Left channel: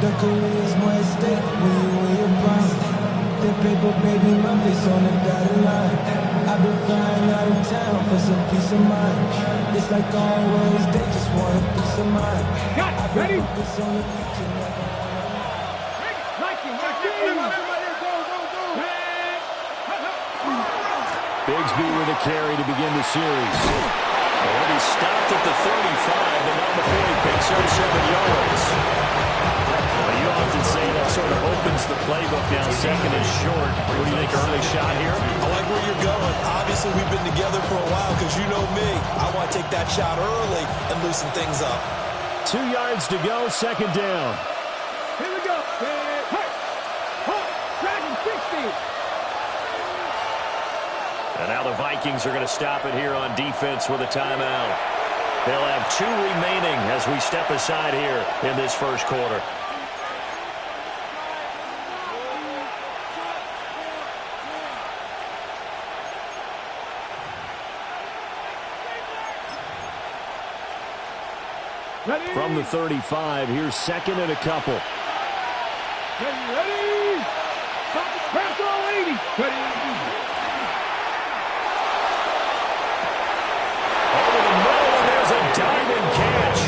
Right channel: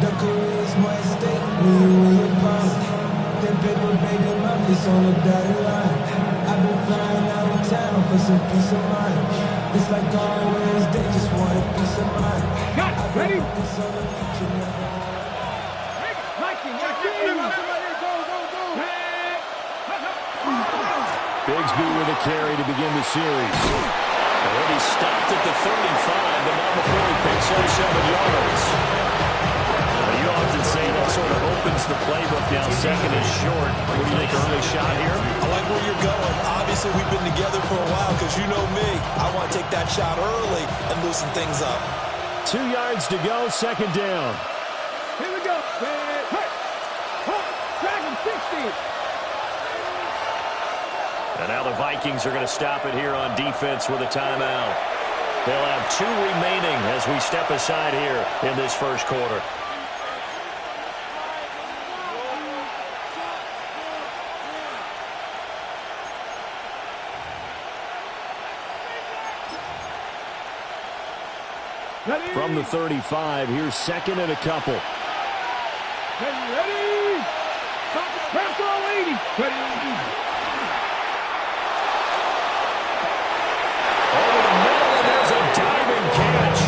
The career's more at stake when you win your prime. That paper, baby, my face on the dotted line. I've been flying out of town for some peace of mind. It's like always, they just want a piece of mind. Got it. Ready? Focus on the future, never on Bigsby with a carry to begin the series. He'll be stopped at the 35, but not before he picks up 7 yards. You often say that sort of opens the playbook now. Second is short. What do you think, early shot here? I like where you're going. Obviously, we've been together for a while because you know me. I want to take that shot early and loosen things up. 2 yards to go, second down. Here we go. Dragon 60. And now the Vikings are going to stop it here on defense with a timeout. They'll have 2 remaining as we step aside here in this first quarter. Ready? From the 35, here's second and a couple. Ready? Craft all 80. Ready? Over the middle, and there's a diving catch.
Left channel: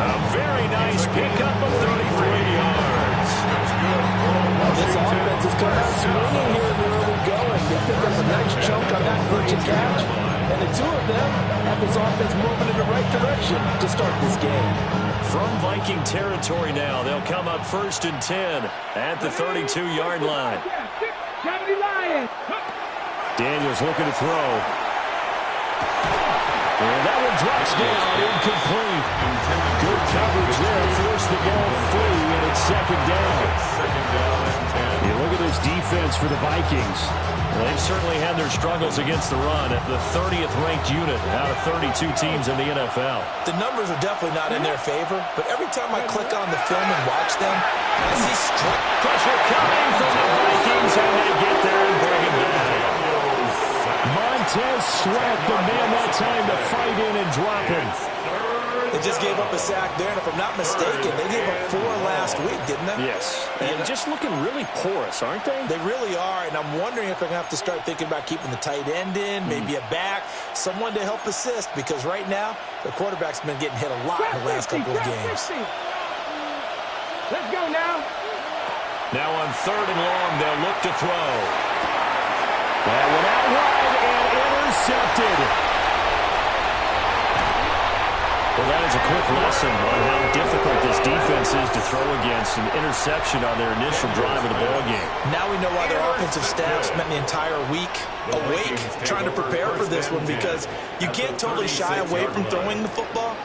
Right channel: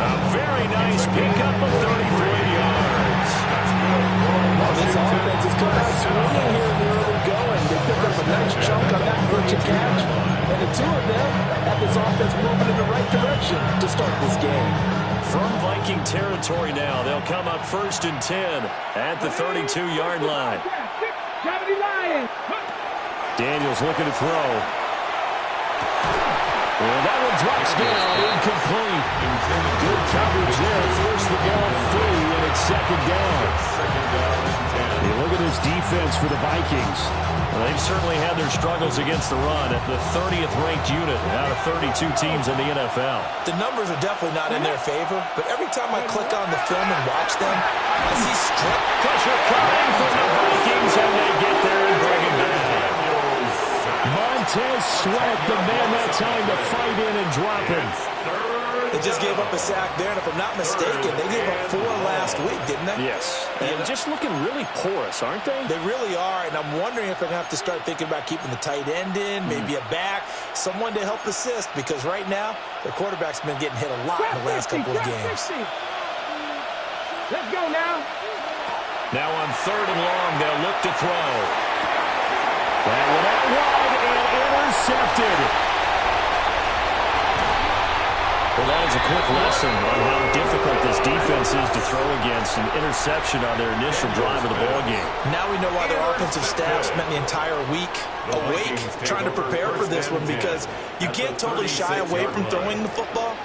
A very nice pickup of 33 yards. That's good. This offense has come out swinging here in the early going. They picked up a nice chunk on that glitch and catch. And the two of them have this offense moving in the right direction to start this game. From Viking territory now, they'll come up 1st and 10 at the 32-yard line. Daniels looking to throw. And that one drops down, incomplete. Good coverage there, forced the ball free, and it's second down. You look at this defense for the Vikings. Well, they've certainly had their struggles against the run at the 30th ranked unit out of 32 teams in the NFL. The numbers are definitely not in their favor, but every time I click on the film and watch them, I see strict Pressure coming from the Vikings, and they get there and bring it down. Montez Sweat, the man that time to fight in and drop him. They just gave up a sack there, and if I'm not mistaken, they gave up 4 last week, didn't they? Yes. And just looking really porous, aren't they? They really are, and I'm wondering if they're going to have to start thinking about keeping the tight end in, maybe a back, someone to help assist, because right now, their quarterback's been getting hit a lot in the last couple of games. Let's go now. Now on 3rd and long, they'll look to throw. That one out wide and intercepted. Well, that is a quick lesson on how difficult this defense is to throw against. An interception on their initial drive of the ballgame. Now we know why their offensive staff spent the entire week awake trying to prepare for this one, because you can't totally shy away from throwing the football,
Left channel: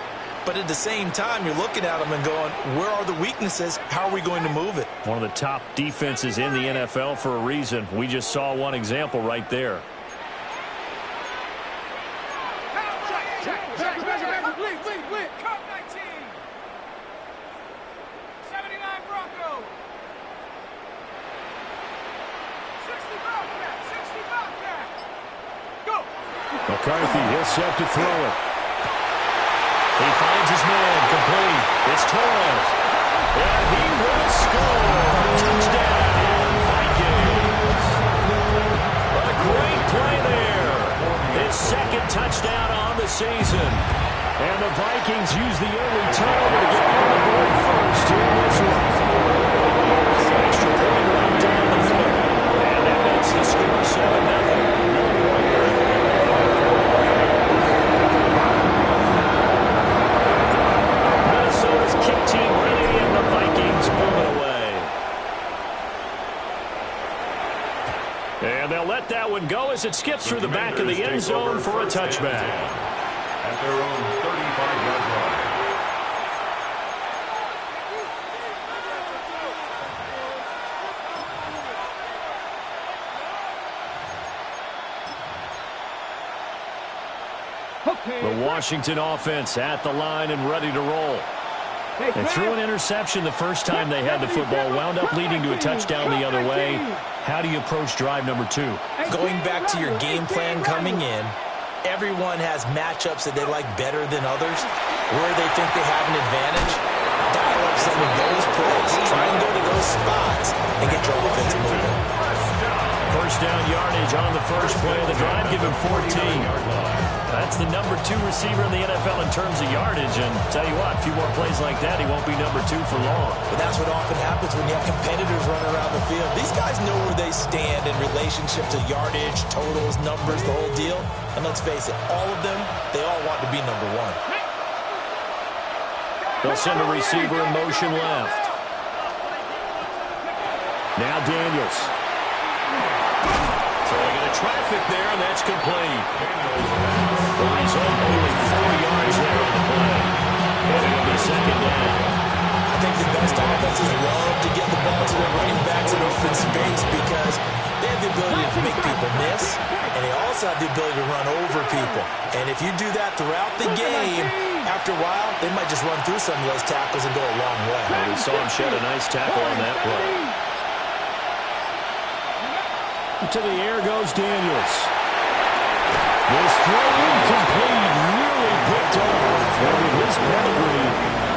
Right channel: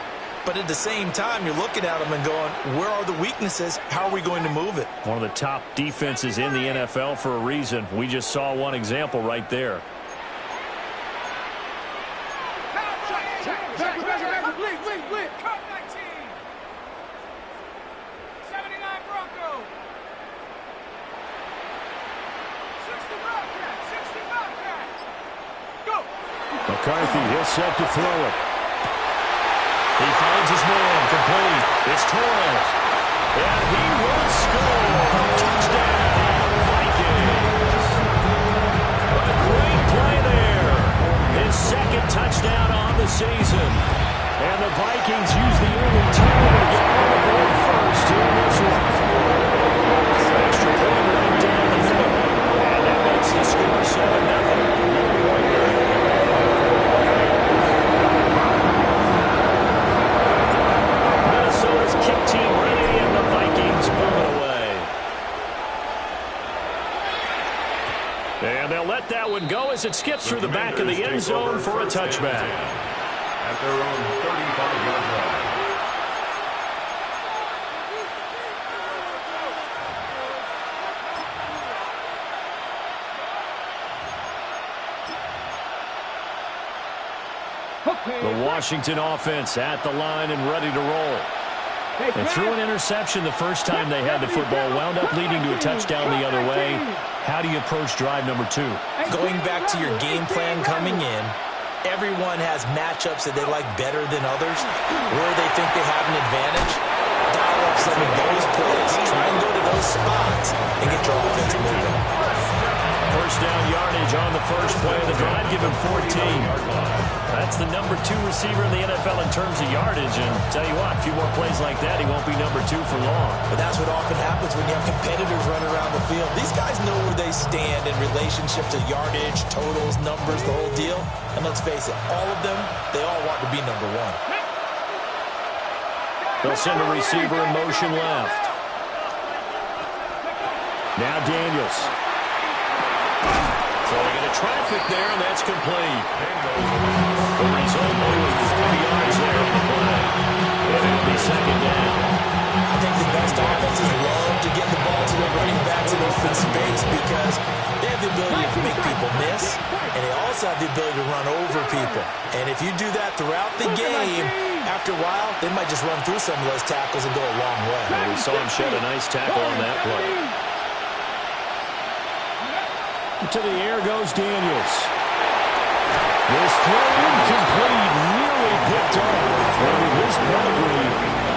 but at the same time, you're looking at them and going, where are the weaknesses? How are we going to move it? One of the top defenses in the NFL for a reason. We just saw one example right there. Cup 19. 79 Bronco. 60 Bobcat. 60 Bobcat. Go. McCarthy, he'll set to throw it. He finds his man, complete. It's Torres. And he will score. Touchdown, Vikings. A great play there. His second touchdown on the season. And the Vikings use the early turnover to get on the board first here in this one. Extra point right down the middle. And that makes the score 7-0. Minnesota's kick team ready, and the Vikings pull it away. And they'll let that one go as it skips through the back of the end zone for a touchback. At their own 35-yard line. The Washington offense at the line and ready to roll. They threw an interception the first time they had the football, wound up leading to a touchdown the other way. How do you approach drive number 2? Going back to your game plan coming in, everyone has matchups that they like better than others, where they think they have an advantage. Dial up some of those plays. Try and go to those spots and get your offense moving. First down yardage on the first play of the drive. Give him 14. That's the number 2 receiver in the NFL in terms of yardage. And tell you what, a few more plays like that, he won't be number 2 for long. But that's what often happens when you have competitors running around the field. These guys know where they stand in relationship to yardage, totals, numbers, the whole deal. And let's face it, all of them, they all want to be number 1. They'll send a receiver in motion left. Now Daniels. Throwing into traffic there, and that's complete. The result, only 4 yards there on the play. And it'll be second down. I think the best offenses love to get the ball to their running backs in open space because they have the ability to make people miss, and they also have the ability to run over people. And if you do that throughout the game, after a while, they might just run through some of those tackles and go a long way. Well, we saw him shed a nice tackle on that play. To the air goes Daniels. This throw incomplete, nearly picked off. And with his pedigree,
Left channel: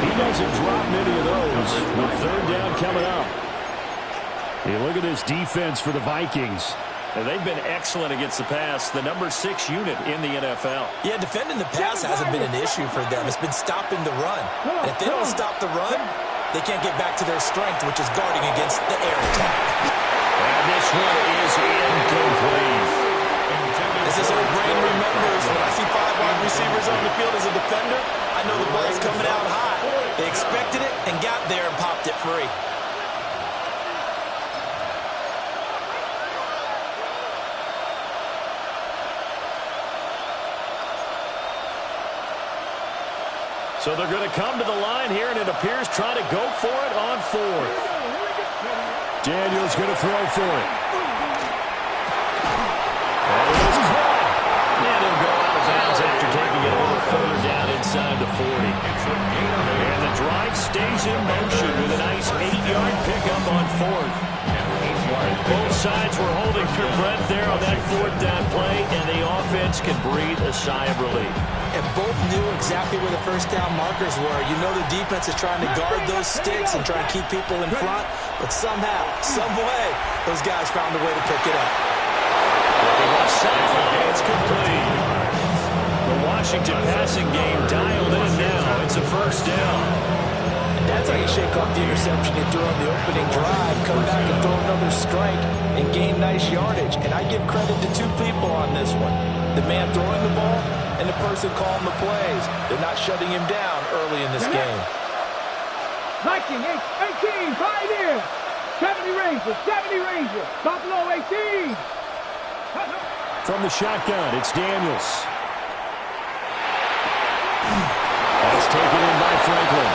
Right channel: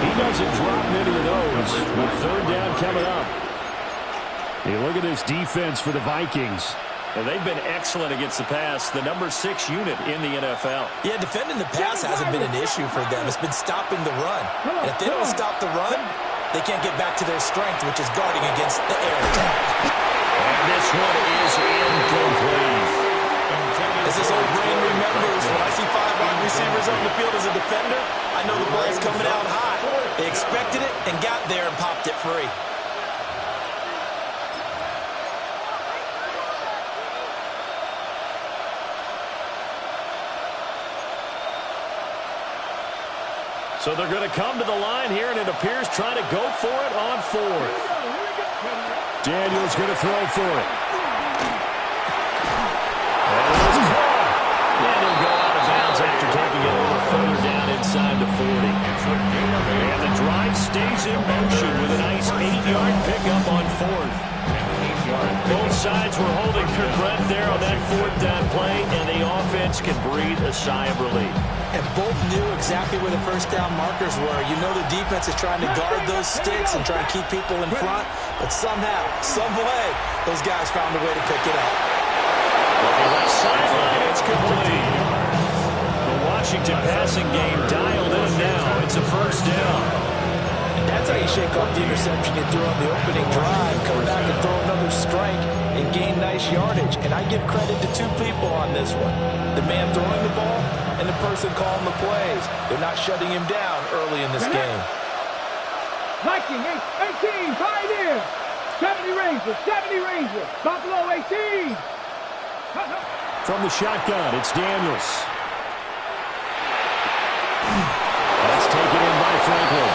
he doesn't drop many of those. With third down coming up. Hey, look at this defense for the Vikings. And they've been excellent against the pass, the number 6 unit in the NFL. Yeah, defending the pass hasn't been an issue for them. It's been stopping the run. And if they don't stop the run, they can't get back to their strength, which is guarding against the air attack. And this one is incomplete. As this old brain remembers, when I see 5 wide receivers on the field as a defender, I know the ball's coming out high. They expected it and got there and popped it free. So they're going to come to the line here, and it appears trying to go for it on 4th. Daniels going to throw for it. And it was caught. And he'll go out of bounds after taking it a little further down inside the 40. And the drive stays in motion with a nice 8-yard pickup on 4th. Both sides were holding their breath there on that 4th down play, and the offense can breathe a sigh of relief. And both knew exactly where the first down markers were. You know the defense is trying to guard those sticks and try and keep people in front, but somehow, some way, those guys found a way to pick it up. Looking left sideline, it's complete. The Washington passing game dialed in now. It's a first down. That's how you shake off the interception you threw on the opening drive, come back and throw another strike and gain nice yardage. And I give credit to 2 people on this one. The man throwing the ball and the person calling the plays. They're not shutting him down early in this game. Viking 18, right here. 70 Ranger. Buffalo 18. From the shotgun, it's Daniels. That's taken in by Franklin.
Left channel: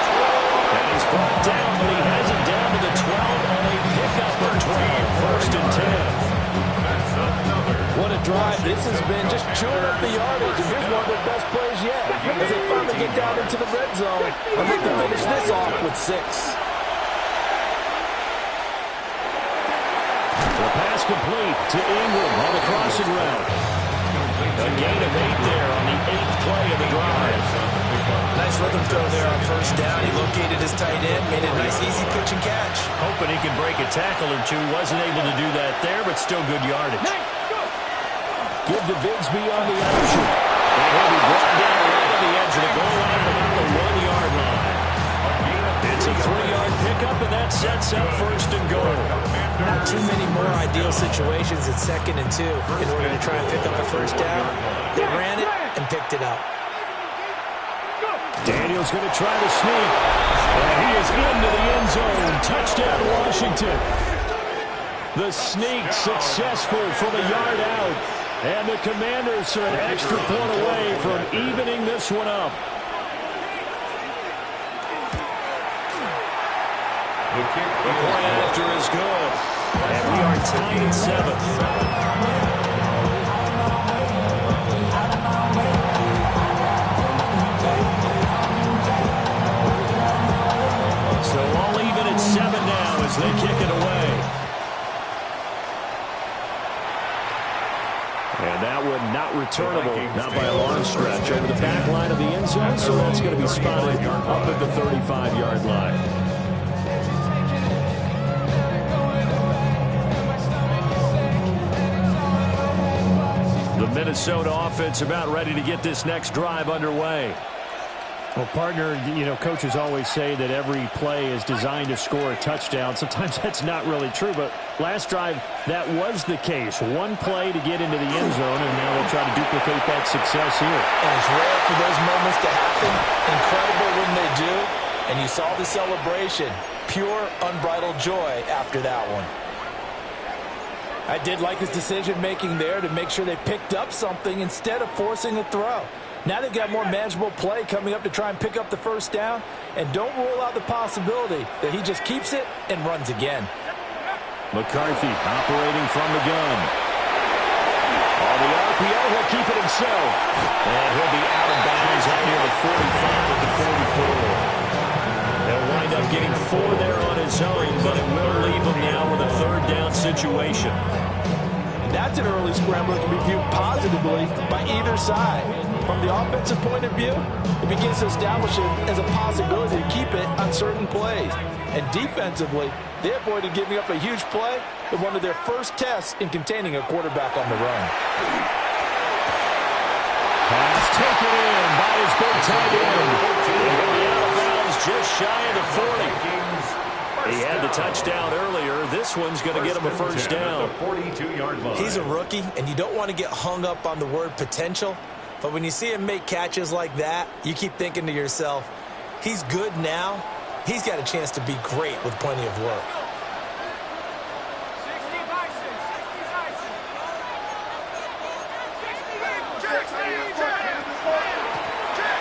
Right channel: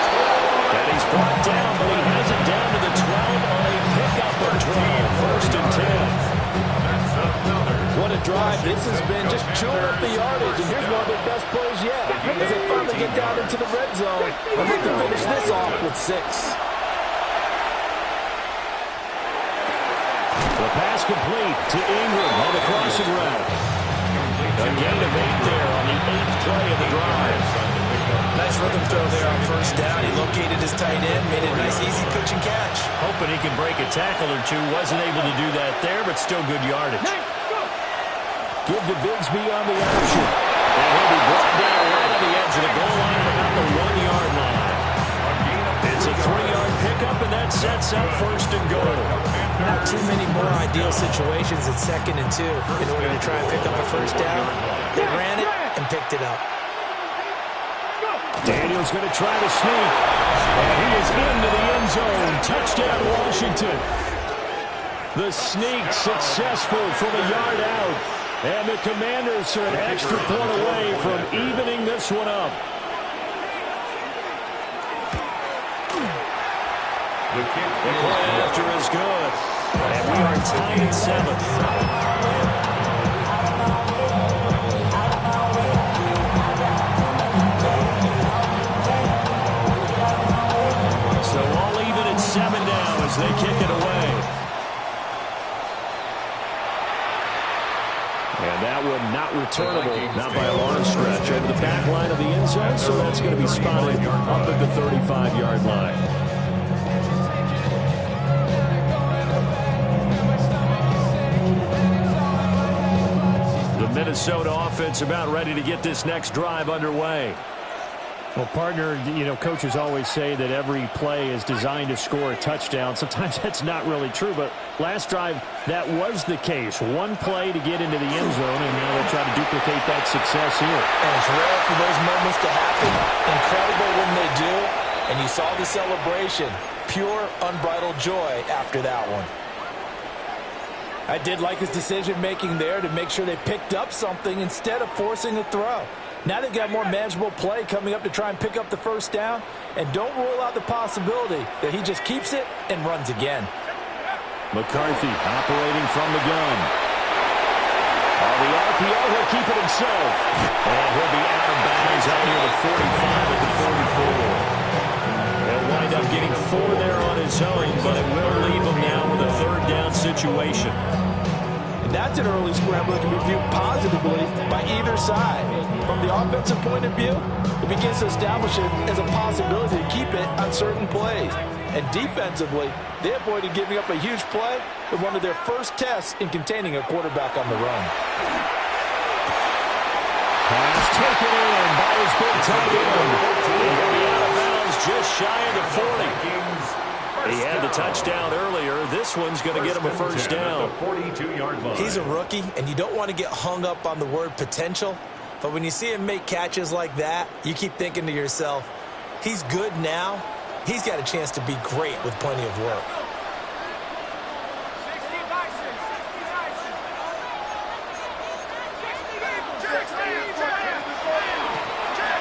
And he's brought down, but he has it down to the 12 on a pickup of 12. First and 10. What a drive this has been, just chewing up the yardage. And here's one of their best plays yet, as they finally get down into the red zone and look to finish this off with 6. The pass complete to Ingram on the crossing route. A gain of 8 there on the 8th play of the drive. Nice rhythm throw there on first down. He located his tight end, made it a nice easy pitch and catch. Hoping he can break a tackle or two. Wasn't able to do that there, but still good yardage. Give to Bigsby on the option. And he'll be brought down right on the edge of the goal line at about the 1-yard line. It's a 3-yard pickup, and that sets up first and goal. Not too many more ideal situations at 2nd and 2 in order to try and pick up a first down. They ran it and picked it up. Daniels going to try to sneak, and he is into the end zone. Touchdown, Washington. The sneak successful from a yard out, and the Commanders are an extra point away from evening this one up. The kick The point after is good, and we are tied at 7. So all even at 7 now as they kick it away. And that one not returnable, not by a long stretch, over the back line of the end zone, so that's going to be spotted up at the 35-yard line. The Minnesota offense about ready to get this next drive underway. Well, partner, coaches always say that every play is designed to score a touchdown. Sometimes that's not really true, but last drive, that was the case. One play to get into the end zone, and now they'll try to duplicate that success here. And it's rare for those moments to happen. Incredible when they do. And you saw the celebration. Pure, unbridled joy after that one. I did like his decision-making there to make sure they picked up something instead of forcing a throw. Now they've got more manageable play coming up to try and pick up the first down. And don't rule out the possibility that he just keeps it and runs again. McCarthy operating from the gun. On the RPO, he'll keep it himself. And he'll be out of bounds out near the 45 at the 44. He'll wind up getting 4 there on his own, but it will leave him now with a third down situation. And that's an early scramble that can be viewed positively by either side. From the offensive point of view, it begins to establish it as a possibility to keep it on certain plays. And defensively, they avoided giving up a huge play with one of their first tests in containing a quarterback on the run. Pass taken in by his big tight end. He'll be out of bounds just shy of the 40. He had the touchdown earlier. This one's going to get him a first down. 42-yard line. He's a rookie, and you don't want to get hung up on the word potential. But when you see him make catches like that, you keep thinking to yourself, he's good now. He's got a chance to be great with plenty of work.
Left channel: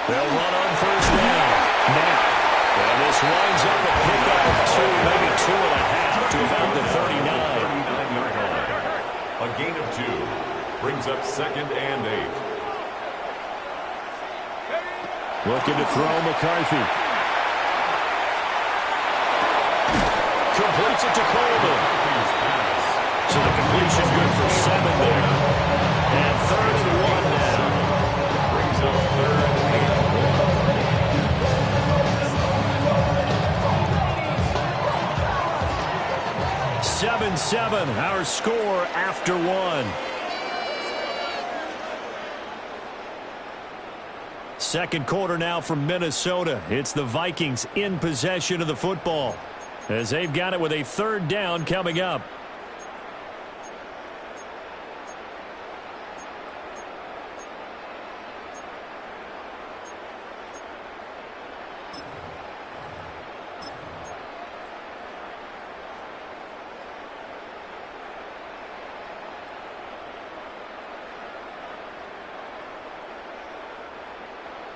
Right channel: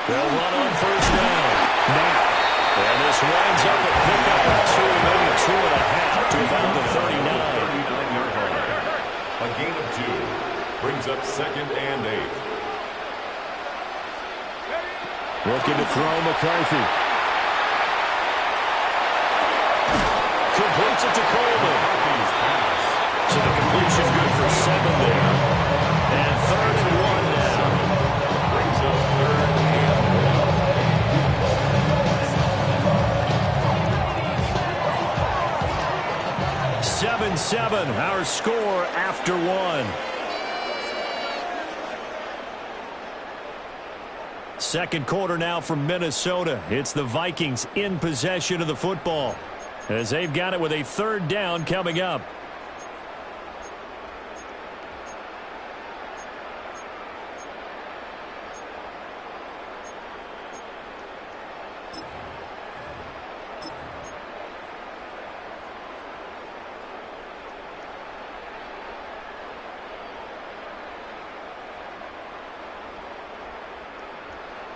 They'll run on first down now. And this winds up a pickup of 2, maybe 2.5 to about the 39. 39-yard line. A gain of 2 brings up 2nd and 8. Looking to throw McCarthy. Completes it to Coleman. So the completion good for 7 there. And 3rd and 1 now. Brings up 3rd and 1. 7-7, our score after 1. Second quarter now from Minnesota. It's the Vikings in possession of the football as they've got it with a third down coming up.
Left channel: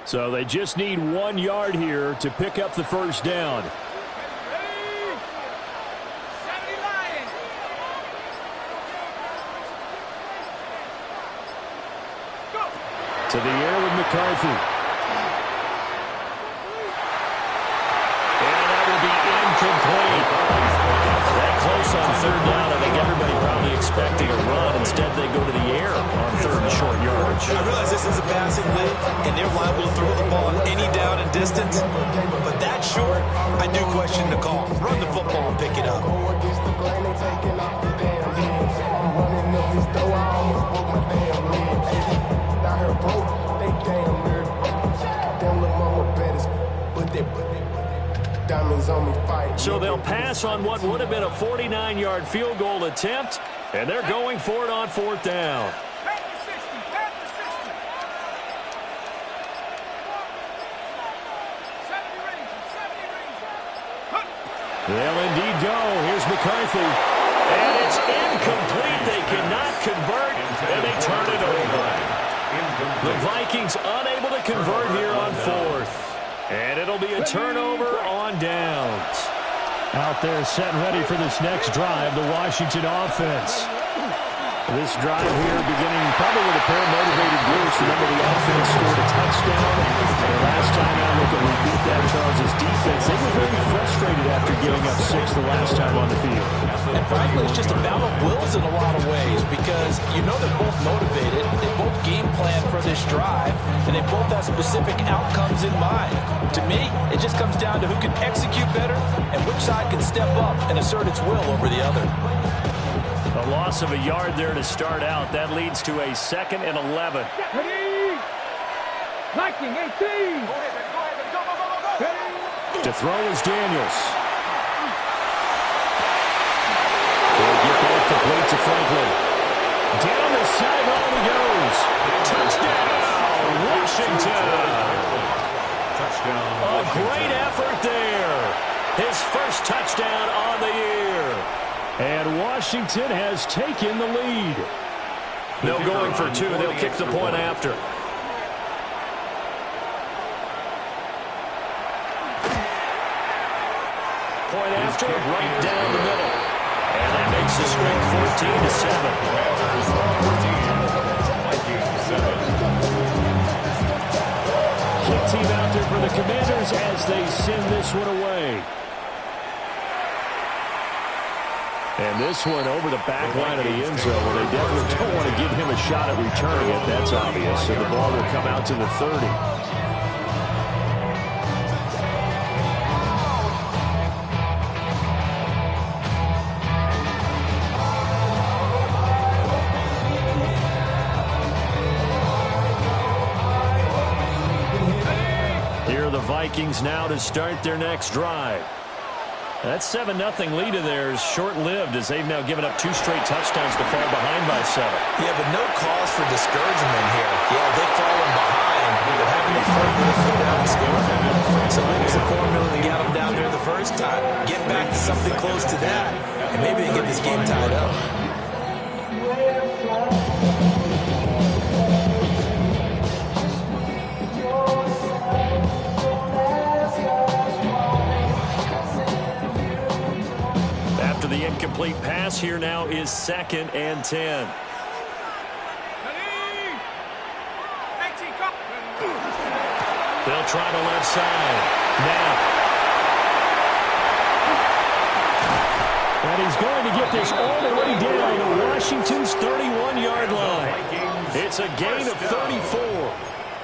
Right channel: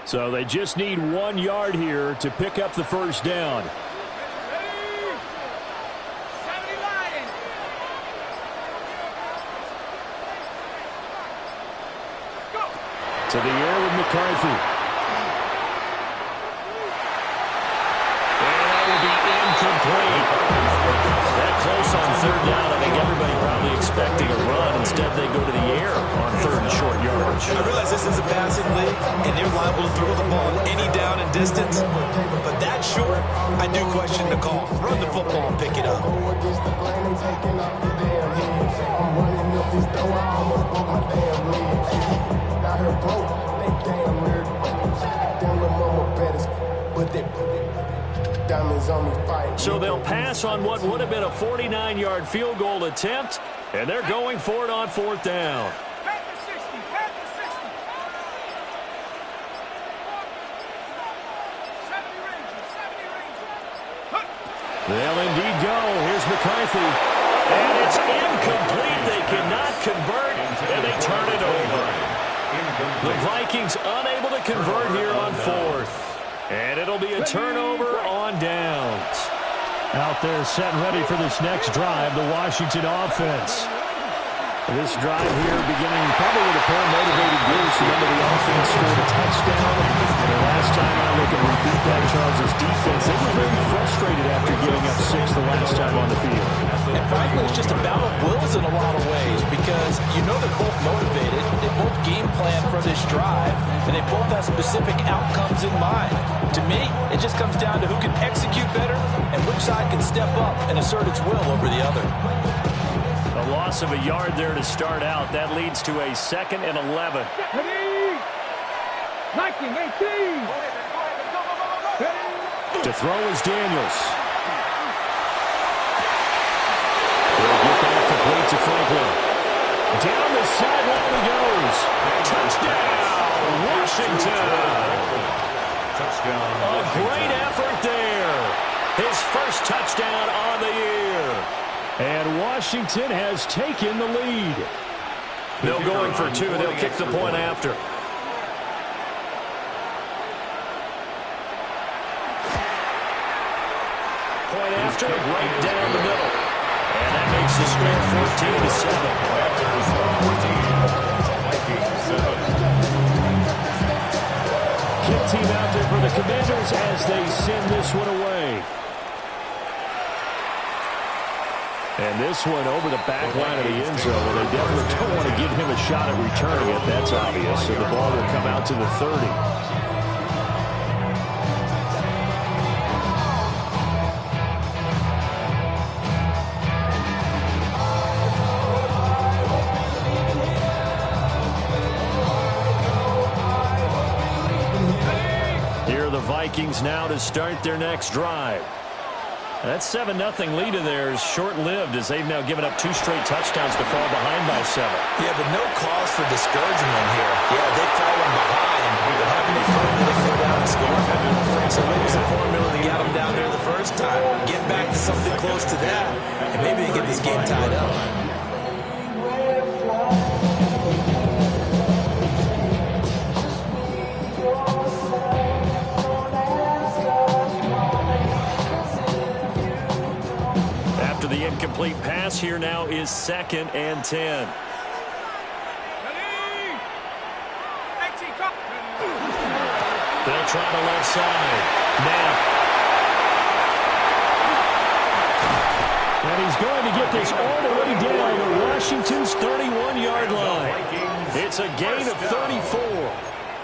So they just need 1 yard here to pick up the first down. To the air with McCarthy. And that will be incomplete. That close on third down. I think everybody probably expecting a run. Instead, they go to the air on 3rd and short yardage. I realize this is a passing league, and they're liable to throw the ball any down and distance. But that short, I do question the call. Run the football and pick it up. I'm running up this door, I almost broke my damn leg. Got her broke, they damn weird. Them little mama betters, but they diamonds on me fight. So they'll pass on what would have been a 49-yard field goal attempt, and they're going for it on 4th down. They'll indeed go. Here's McCarthy. And it's incomplete. They cannot convert, and they turn it over. The Vikings unable to convert here on 4th. And it'll be a turnover on downs. Out there set and ready for this next drive, the Washington offense. This drive here beginning probably with a pair of motivated groups. Remember, the offense scored a touchdown. And last time out, they can repeat that, Charles' defense, they were very frustrated after giving up 6 the last time on the field. And frankly, it's just a battle of wills in a lot of ways because you know they're both motivated, they both game plan for this drive, and they both have specific outcomes in mind. To me, it just comes down to who can execute better and which side can step up and assert its will over the other. A loss of a yard there to start out. That leads to a 2nd and 11. Ready? Viking 18. To throw is Daniels. He'll get that complete to Franklin. Down the sideline he goes. Touchdown, Washington. Touchdown, A Washington. great effort there. His first touchdown on the year. And Washington has taken the lead. No going for 2. They'll kick the point after. Point after, right down the middle. And that makes the score 14-7. Panthers 14, Vikings 7. Kick team out there for the Commanders as they send this one away. And this one over the back line of the end zone. Well, they definitely don't want to give him a shot at returning it. That's obvious. So the ball will come out to the 30. Here are the Vikings now to start their next drive. That 7-0 lead of theirs short-lived as they've now given up 2 straight touchdowns to fall behind by 7. Yeah, but no cause for discouragement here. Yeah, they've fallen behind, but having a firm that they can go down and score. So what was the formula that got them down there the first time? Get back to something close to that, and maybe they get this game tied up. After the incomplete pass, here now is 2nd and 10. They'll try the left side. Now. And he's going to get this all the way down to Washington's 31-yard line. It's a gain of 34.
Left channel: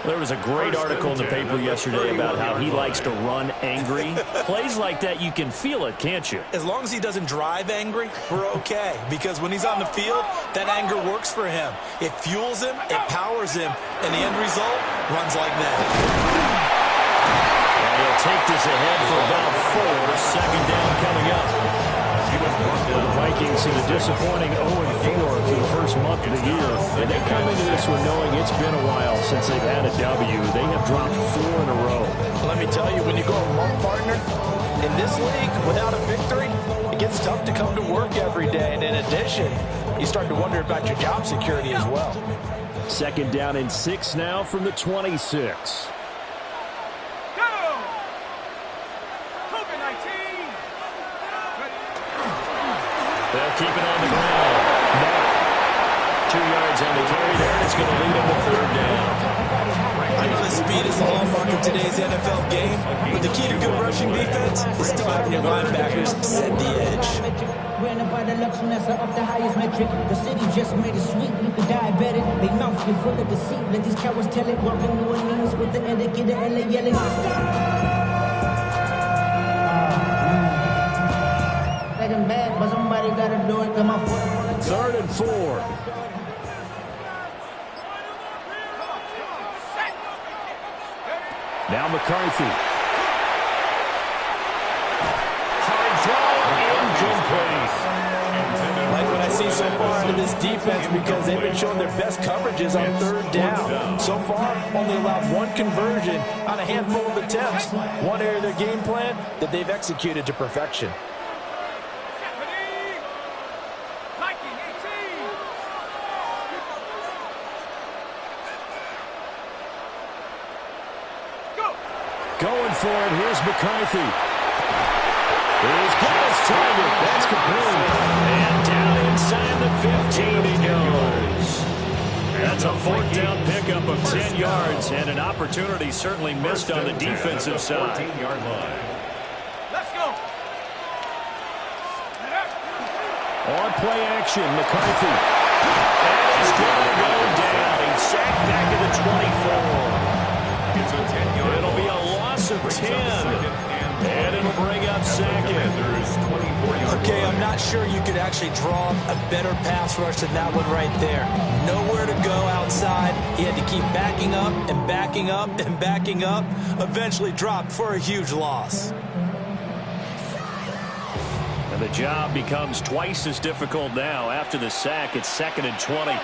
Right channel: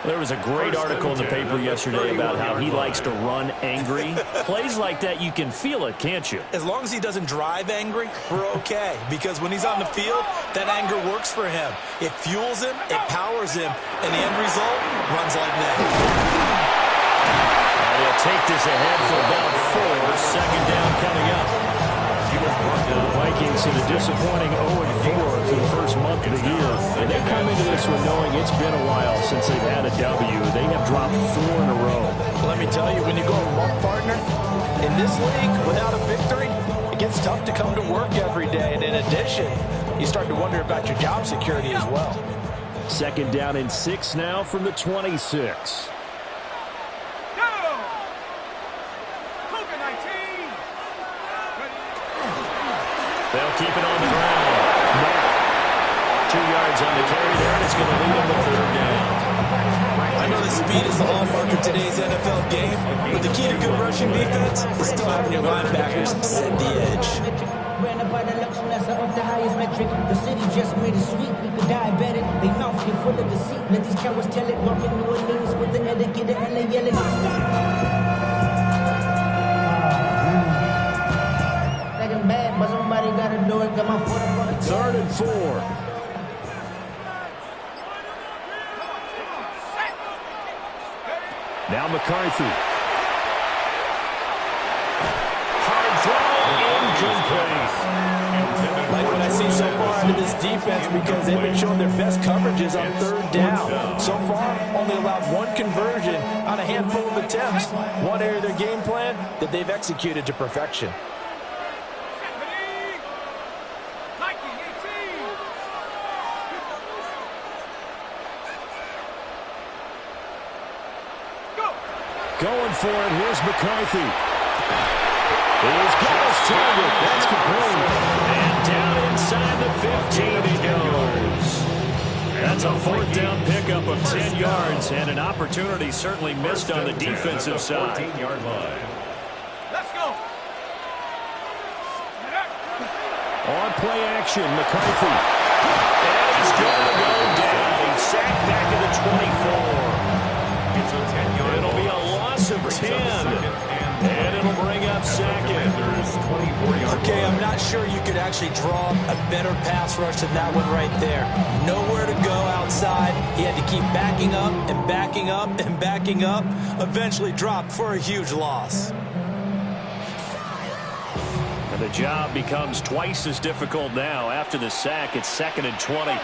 There was a great article in the paper yesterday about how he likes to run angry. Plays like that, you can feel it, can't you? As long as he doesn't drive angry, we're okay. Because when he's on the field, that anger works for him. It fuels him, it powers him, and the end result runs like that. And he'll take this ahead for about 4. 2nd down coming up. The Vikings in a disappointing 0-4 through the first month of the year. And they come into this one knowing it's been a while since they've had a W. They have dropped 4 in a row. Let me tell you, when you go a month, partner, in this league, without a victory, it gets tough to come to work every day. And in addition, you start to wonder about your job security as well. 2nd down and 6 now from the 26. They'll keep it on the ground. Now, 2 yards on the carry there, and it's going to lead them to 3rd down. I know that speed is the hallmark of today's NFL game, but the key to good rushing defense is still having your linebackers set the edge. Ran up by the luxuriness up the highest metric. The city just made it sweet. You could diabetic. They mouth get full of deceit. Let these cowards tell it. Walking New Orleans with the etiquette, the LA yelling. Bad, but somebody gotta do it. Come on, 3rd and 4. Now McCarthy. Hard throw, incomplete. Like what I see so far out of this defense because they've been showing their best coverages on 3rd down. So far, only allowed 1 conversion on a handful of attempts. One area of their game plan that they've executed to perfection. Going for it. Here's McCarthy. He's got his target. That's complete. And down inside the 15 he goes. That's a fourth down pickup of 10 yards, and an opportunity certainly missed on the defensive side. 14-yard line. Let's go. On play action, McCarthy. And he's going to go down. He's sacked back at the 24. It's a 10-yard It'll be a loss of 10. And it'll bring up second. Okay, I'm not sure you could actually draw a better pass rush than that one right there. Nowhere to go outside. He had to keep backing up and backing up and backing up. Eventually dropped for a huge loss. And the job becomes twice as difficult now. After the sack, it's 2nd and 20.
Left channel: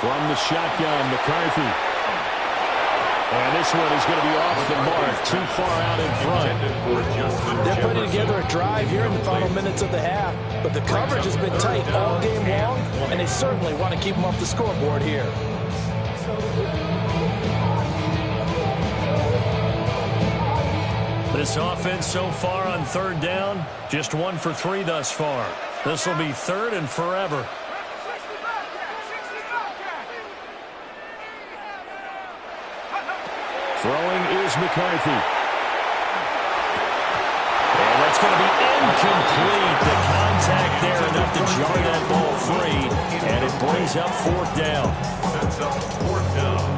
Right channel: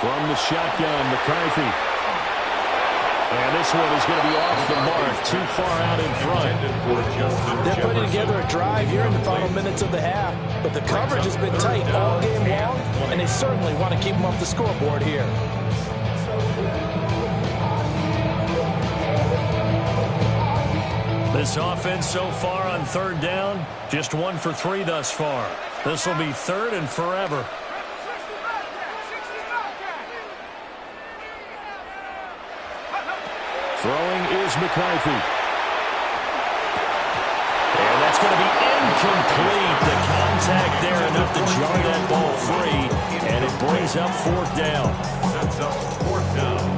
From the shotgun, McCarthy. And this one is going to be off the mark, too far out in front. They're putting together a drive here in the final minutes of the half, but the coverage has been tight all game long, and they certainly want to keep them off the scoreboard here. This offense so far on 3rd down, just 1 for 3 thus far. This will be 3rd and forever. Throwing is McCarthy. And that's going to be incomplete. The contact there enough to jar that ball free. And it brings up 4th down. Sets up 4th down.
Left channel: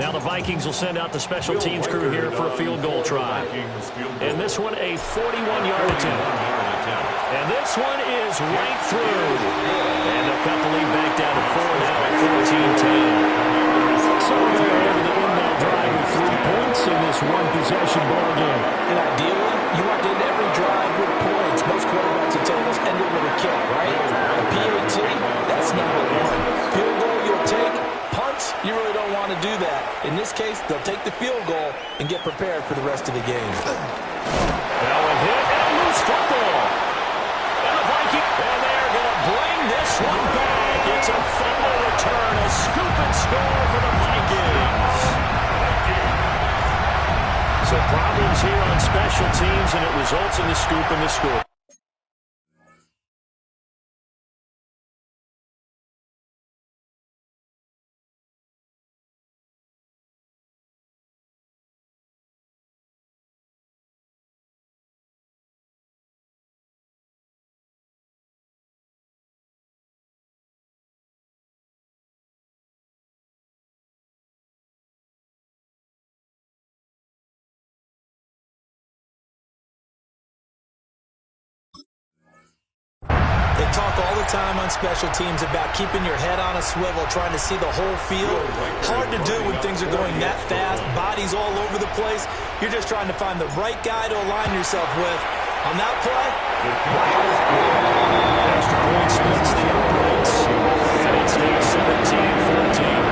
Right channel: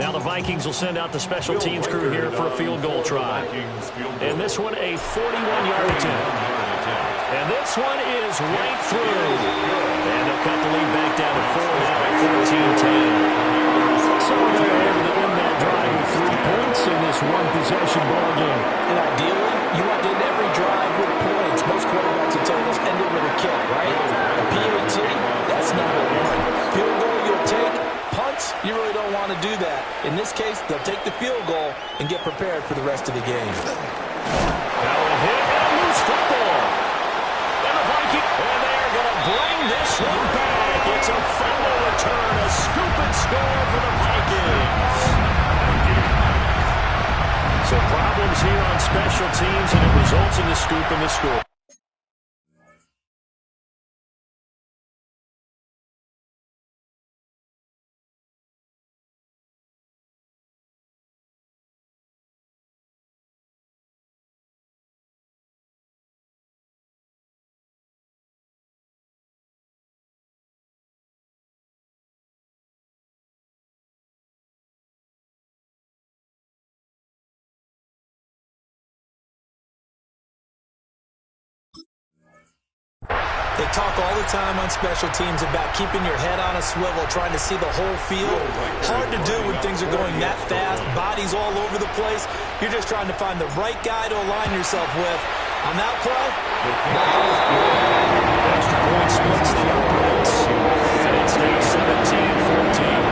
Now the Vikings will send out the special teams crew here for a field goal try. And this one a 41-yard attempt. And this one is right through. And they'll cut the lead back down to 4 now, 14-10. So they're able to end that drive with 3 points in this one-possession ball game. And ideally, you want to end every drive with points. Most quarterbacks would tell us end it with a kick, right? A PAT, that's not a one. Field goal you'll take. Punts, you really don't want to do that. In this case, they'll take the field goal and get prepared for the rest of the game. Now a hit and a loose football. And the Vikings, and they're going to bring this one back. It's a fumble return, a scoop and score for the Vikings. So problems here on special teams, and it results in the scoop and the score. They talk all the time on special teams about keeping your head on a swivel, trying to see the whole field. Hard to do when things are going that fast, bodies all over the place. You're just trying to find the right guy to align yourself with. On that play, Extra point splits the uprights. And it's now 17-14.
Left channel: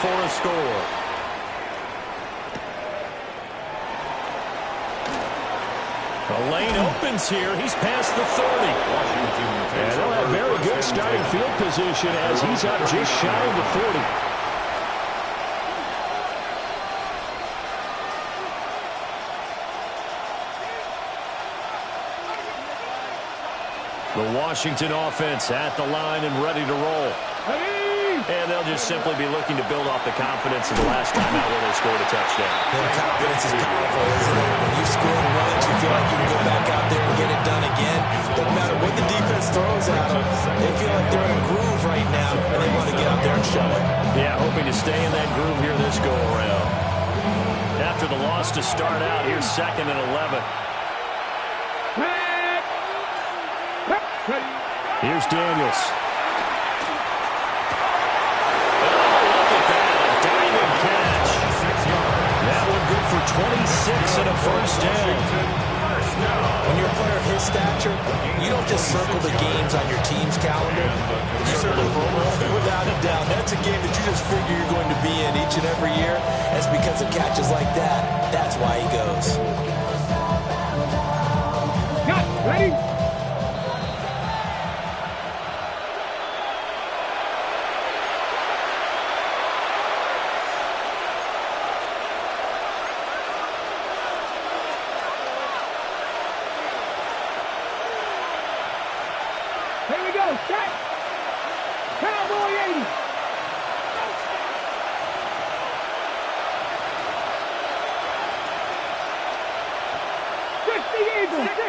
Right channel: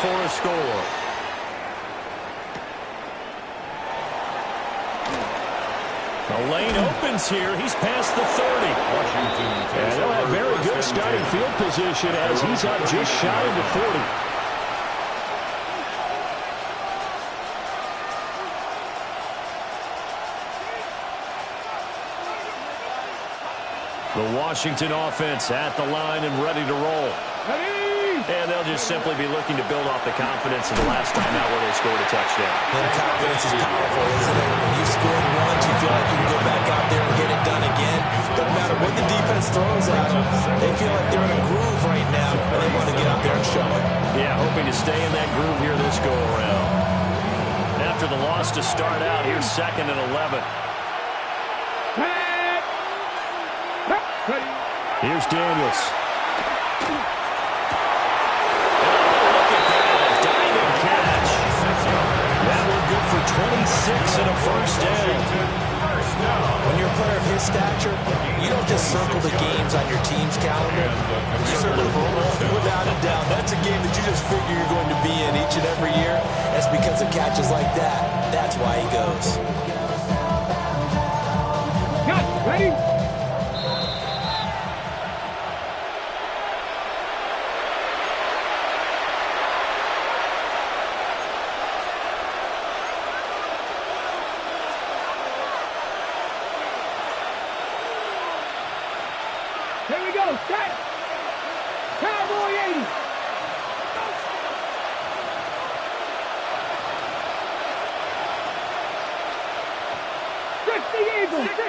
For a score. The lane opens here. He's past the 30. And they'll have very good starting field position as he's up just shy of the 40. The Washington offense at the line and ready to roll. And they'll just simply be looking to build off the confidence of the last time out where they scored a touchdown. And confidence is powerful, isn't it? When you score once, you feel like you can go back out there and get it done again. Doesn't matter what the defense throws at them. They feel like they're in a groove right now, and they want to get out there and show it. Yeah, hoping to stay in that groove here this go-around. After the loss to start out, here's 2nd and 11. Here's Daniels. That one good for 26 and a first down. When you're a player of his stature, you don't just circle the games on your team's calendar. You circle for without a doubt. That's a game that you just figure you're going to be in each and every year. That's because of catches like that. That's why he goes. Cut. Ready? go. Set. Cowboy 80. Eagle. 60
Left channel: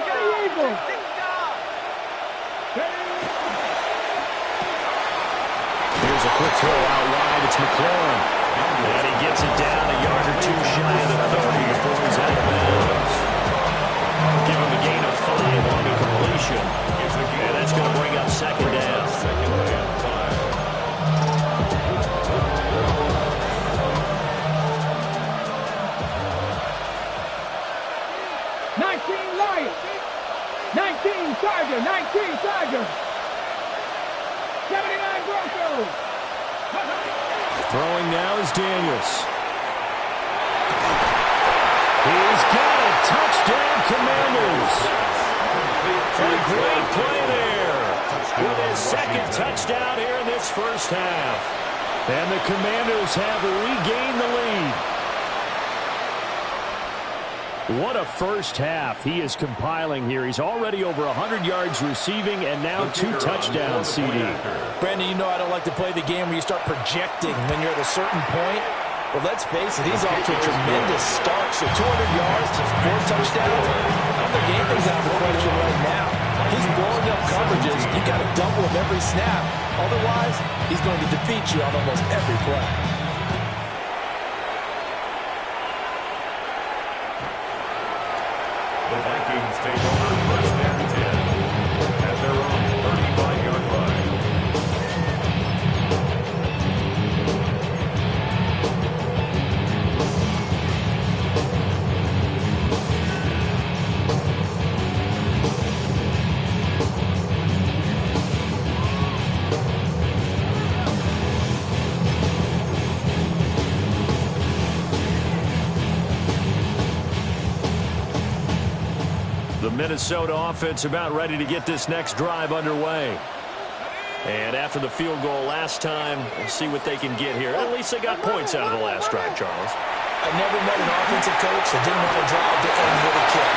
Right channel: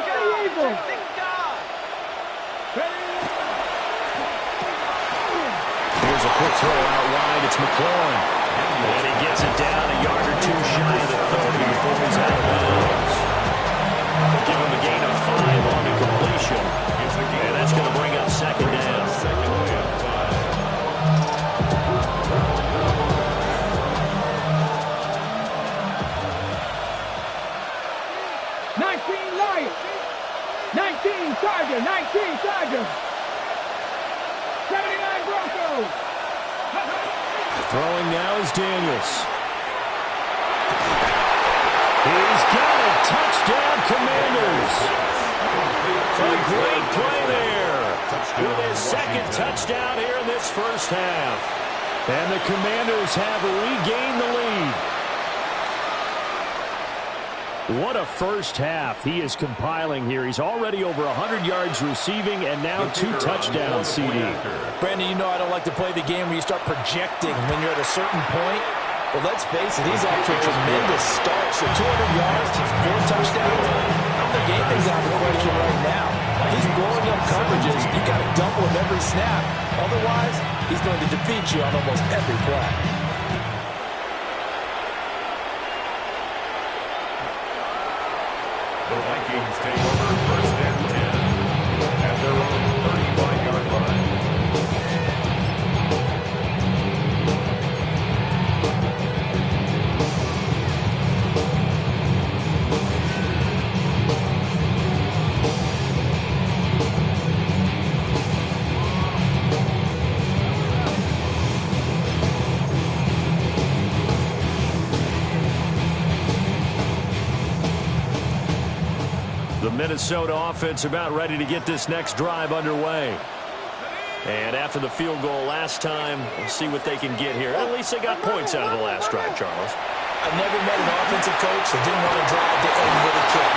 Eagle. Here's a quick throw out wide. It's McLaurin. And he gets it down a yard or two shy of the 30 before he's out of bounds. Give him a gain of 5 on the completion. And that's going to bring up second down. Second and 5. Lions. 19 Tiger. 19 Tiger. 79 Broncos. Throwing now is Daniels. He's got it. Touchdown, Commanders. A great play there with his second touchdown here in this first half. And the Commanders have regained the lead. What a first half he is compiling here. He's already over 100 yards receiving and now 2 touchdowns, CD. Brandon, you know I don't like to play the game where you start projecting when you're at a certain point. Well, let's face it, he's off to a tremendous start. So 200 yards, 4 touchdowns. I don't think anything's out of the question right now. He's blowing up coverages. You got to double him every snap. Otherwise, he's going to defeat you on almost every play. The Vikings take over first and 10 at their own 35-yard line. The Minnesota offense about ready to get this next drive underway. And after the field goal last time, we'll see what they can get here. At least they got points out of the last drive, Charles. I never met an offensive coach that didn't want to drive to end with a kick.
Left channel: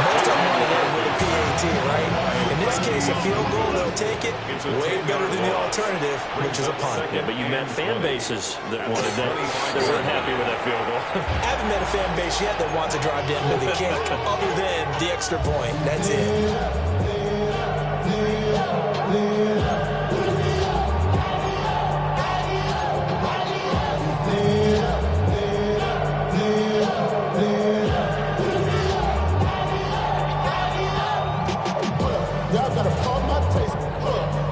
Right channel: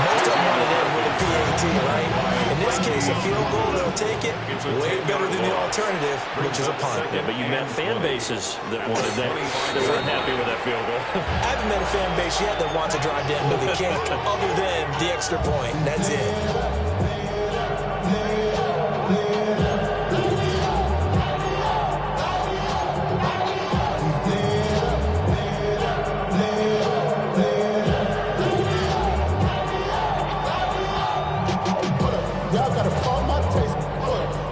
Most of them want to end with a PAT, right? In this case, a field goal, they'll take it. Way better than the alternative, which is a punt. Yeah, but you met fan bases that wanted that. They weren't happy with that field goal. I haven't met a fan base yet that wants to drive to end with a kick, other than the extra point. That's it.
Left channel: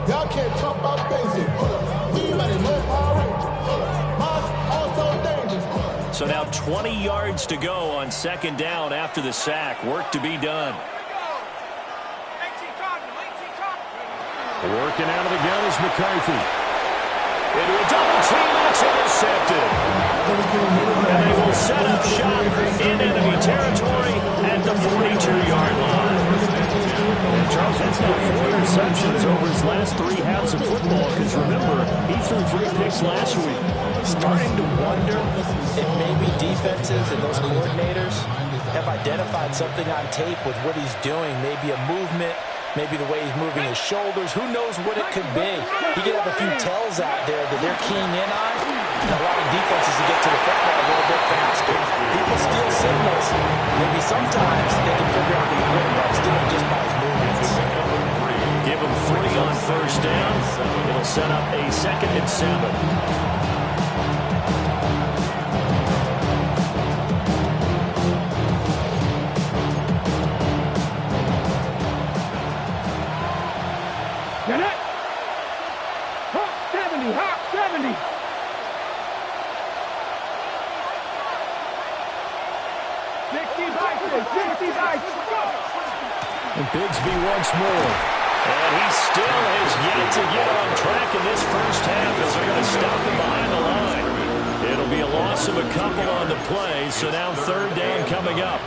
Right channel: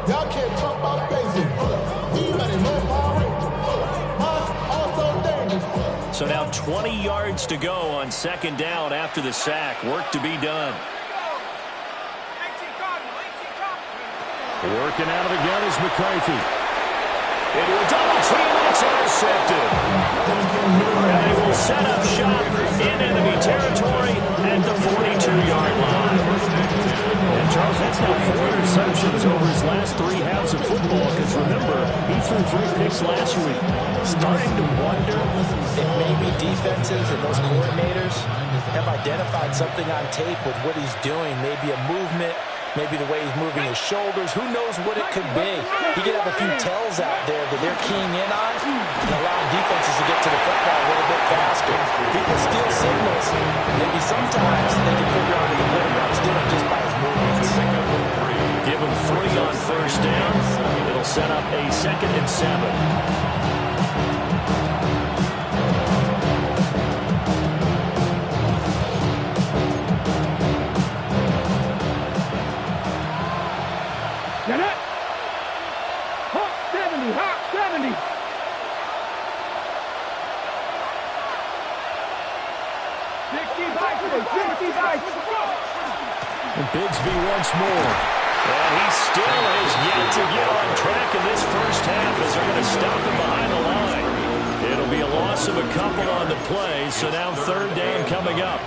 Y'all can't talk about basic. We mighty more Power Ranger. Mine also dangerous. So now 20 yards to go on second down after the sack. Work to be done. Working out of the gun is McCarthy. Into a double team, and it's intercepted. And they will set up shop in enemy territory at the 42-yard line. And Charles, that's now 4 interceptions over his last 3 halves of football, because remember, he threw 3 picks last week. Starting to wonder if maybe defenses and those coordinators have identified something on tape with what he's doing. Maybe a movement, maybe the way he's moving his shoulders. Who knows what it could be? He could have a few tells out there that they're keying in on and allowing defenses to get to the football a little bit faster. People steal signals. Maybe sometimes they can figure out what the quarterback's doing just by his movements. Give him 3 on first down. It'll set up a 2nd and 7. Get it! Hawk 70, Hawk 70. And Bigsby once more. And he still has yet to get on track in this first half as they're going to stop him behind the line. It'll be a loss of a couple on the play, so now 3rd down coming up.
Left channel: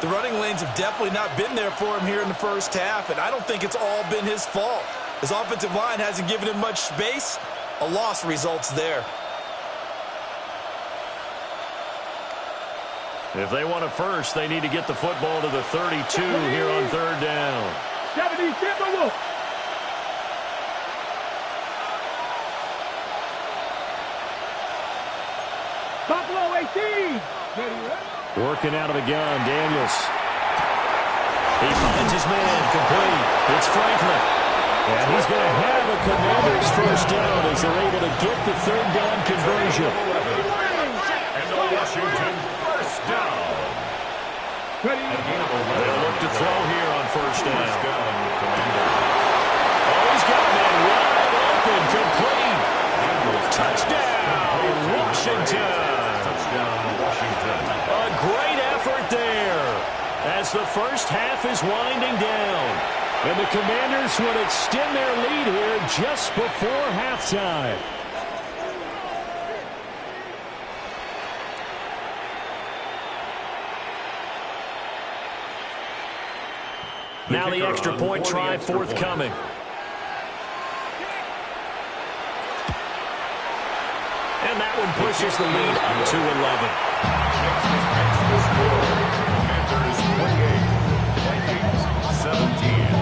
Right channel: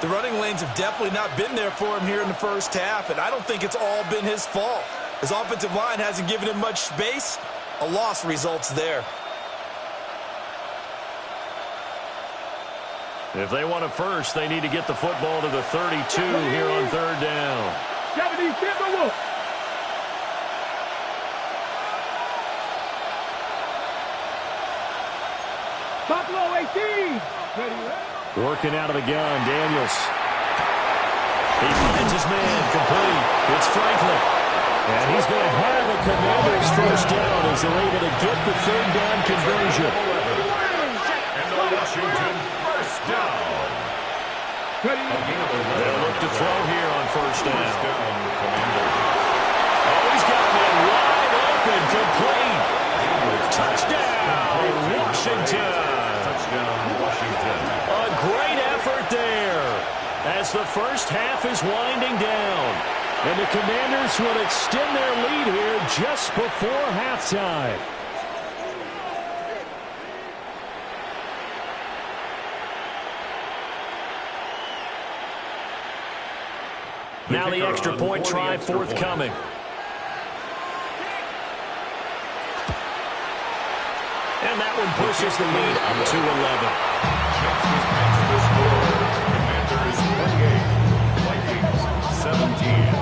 The running lanes have definitely not been there for him here in the first half, and I don't think it's all been his fault. His offensive line hasn't given him much space. A loss results there. If they want a first, they need to get the football to the 32 here on 3rd down. 70 Timberwolves. Buffalo 18. Ready. Working out of the gun, Daniels. He finds his man, complete. It's Franklin. And he's going to have a Commanders first down as they're able to get the third down conversion. And the Washington first down. They'll look to throw here on first down. Commanders. Oh, he's got a man wide open, complete. Touchdown, Washington. Touchdown, Washington. A great effort there as the first half is winding down. And the Commanders will extend their lead here just before halftime. Now the extra point try forthcoming. And that one pushes the lead up to 11. Makes the score. Commanders 28, Vikings 17.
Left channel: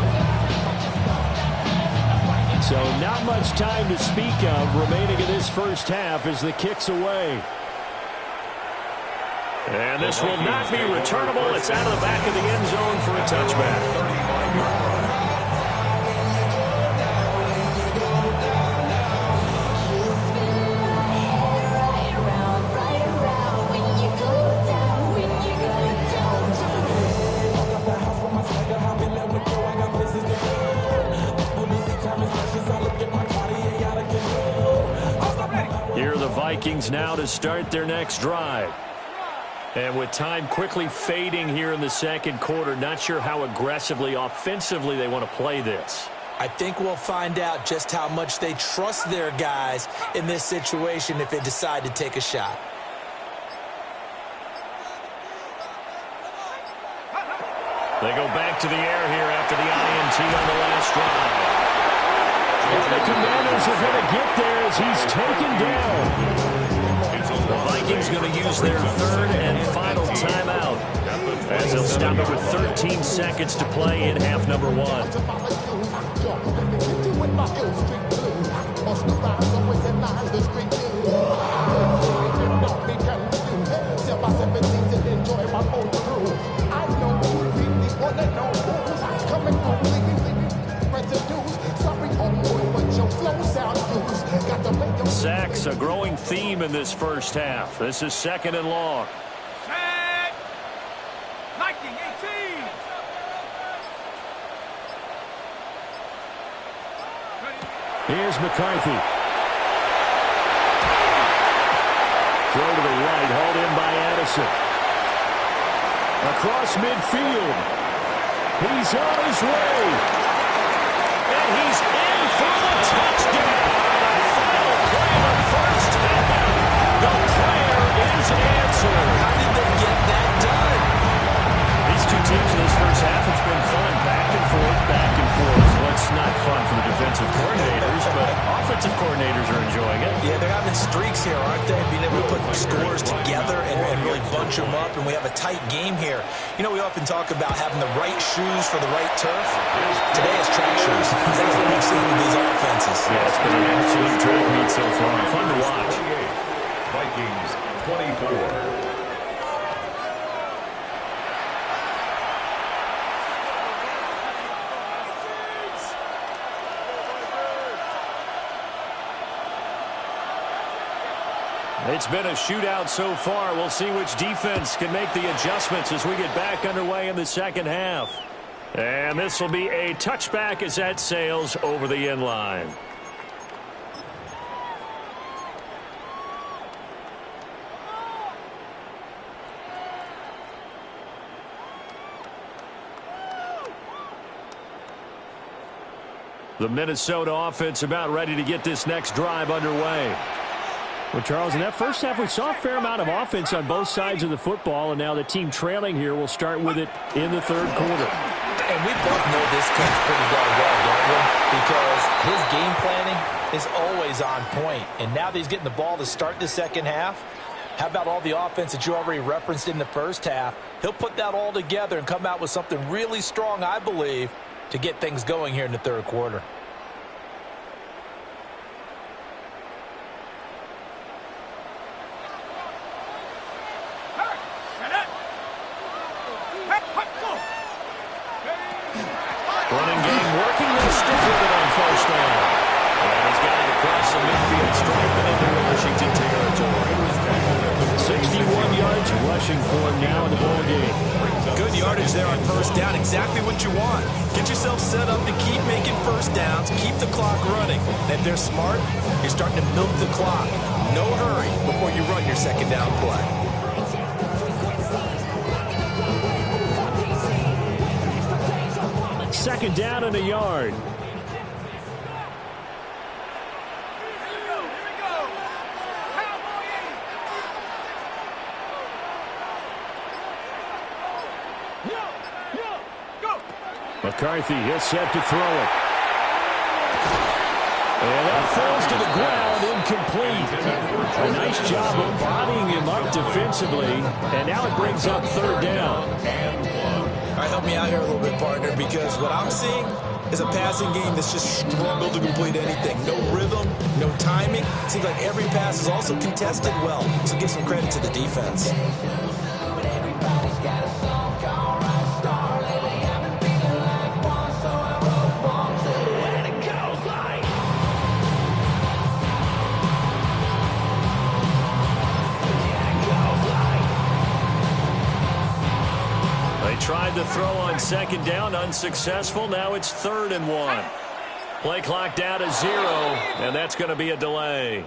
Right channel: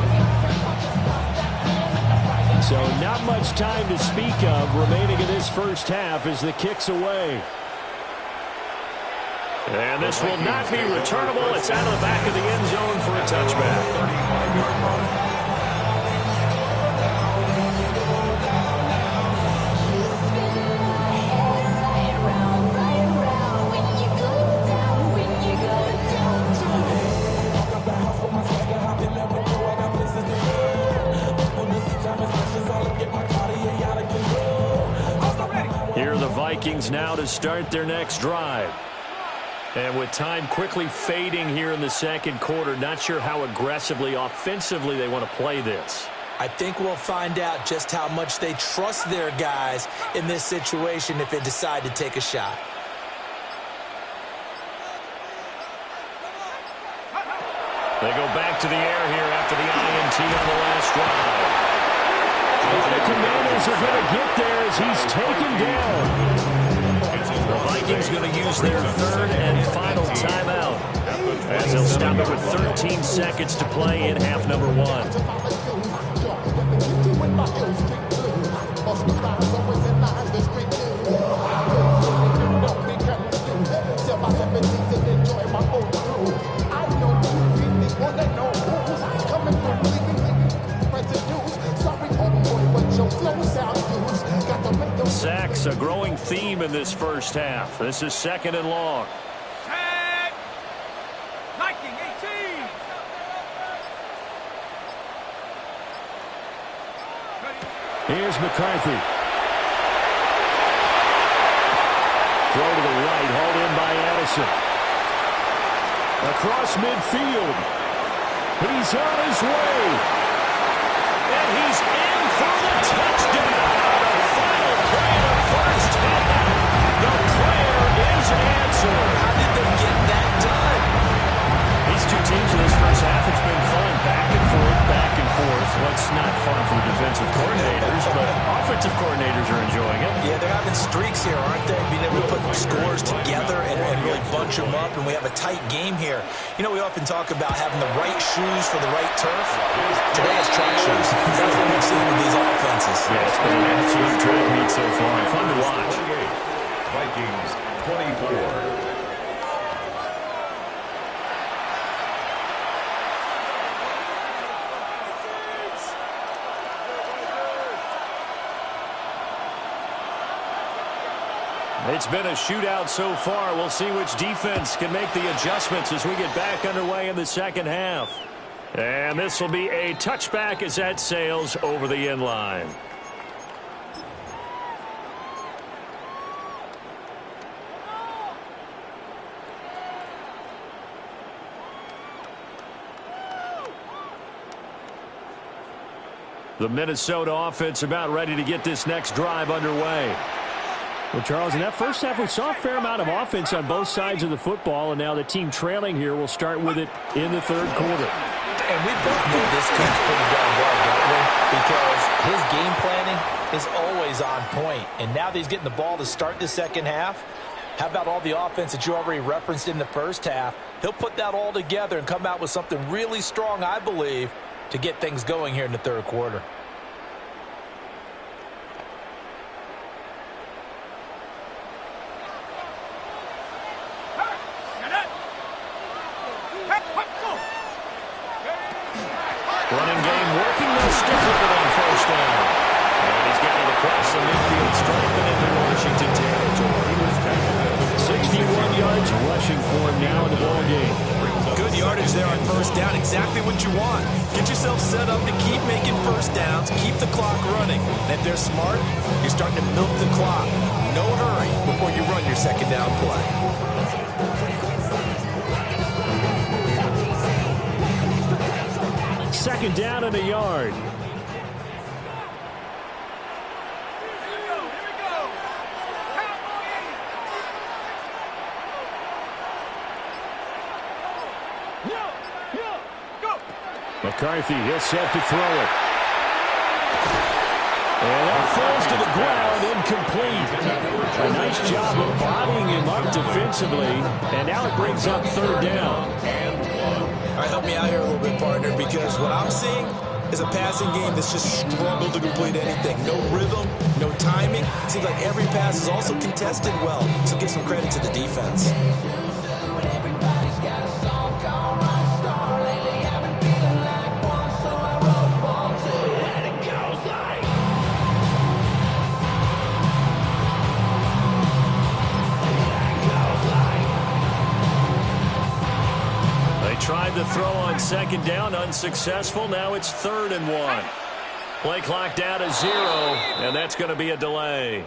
So not much time to speak of remaining in this first half as the kick's away. And this will not be returnable. It's out of the back of the end zone for a touchback. 35-yard run. Here are the Vikings now to start their next drive. And with time quickly fading here in the second quarter, not sure how aggressively, offensively they want to play this. I think we'll find out just how much they trust their guys in this situation if they decide to take a shot. They go back to the air here after the INT on the last drive. And the Commanders are going to get there as he's taken down. The Vikings going to use their third and final timeout as they'll stop it with 13 seconds to play in half number one. Sacks, a growing theme in this first half. This is second and long. Sack. Viking 18. Here's McCarthy. Throw to the right, hauled in by Addison. Across midfield. He's on his way. And he's in for the touchdown. The final play of the first half. The prayer is answered. How did they get that done? These two teams in this first half, it's been fun. Back and forth, back and forth. Well, it's not fun for the defensive coordinators, but offensive coordinators are enjoying it. Yeah, they're having streaks here, aren't they? Being able to put scores together and really bunch them up, and we have a tight game here. You know, we often talk about having the right shoes for the right turf. Today is track shoes. That's what we've seen with these offenses. Yeah, it's been an absolute track meet so far. Fun to watch. Vikings 24. It's been a shootout so far. We'll see which defense can make the adjustments as we get back underway in the second half. And this will be a touchback as that sails over the end line. The Minnesota offense about ready to get this next drive underway. Well, Charles, in that first half, we saw a fair amount of offense on both sides of the football, and now the team trailing here will start with it in the third quarter. And we both know this coach pretty darn well, don't we? Because his game planning is always on point. And now that he's getting the ball to start the second half, how about all the offense that you already referenced in the first half? He'll put that all together and come out with something really strong, I believe, to get things going here in the third quarter. with it on first down. And he's got it across the midfield, striping into Washington territory. 61 yards rushing for him now in the ball game. Good yardage there on first down. Exactly what you want. Get yourself set up to keep making first downs, keep the clock running. And if they're smart, you're starting to milk the clock. No hurry before you run your second down play. Second down and a yard. McCarthy, he'll set to throw it. And that falls to the ground, incomplete. A nice job of bodying him up defensively, and now it brings up third down. All right, help me out here a little bit, partner, because what I'm seeing is a passing game that's just struggled to complete anything. No rhythm, no timing. Seems like every pass is also contested well, so give some credit to the defense. They tried to throw on second down, unsuccessful. Now it's 3rd and 1. Play clock down to 0, and that's going to be a delay.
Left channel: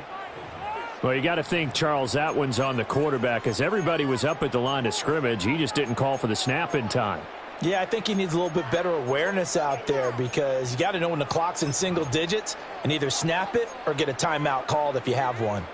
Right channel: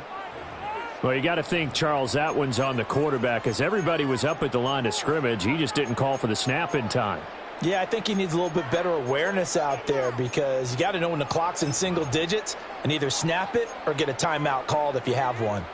Well, you got to think, Charles, that one's on the quarterback, as everybody was up at the line of scrimmage. He just didn't call for the snap in time. Yeah, I think he needs a little bit better awareness out there, because you got to know when the clock's in single digits and either snap it or get a timeout called if you have one.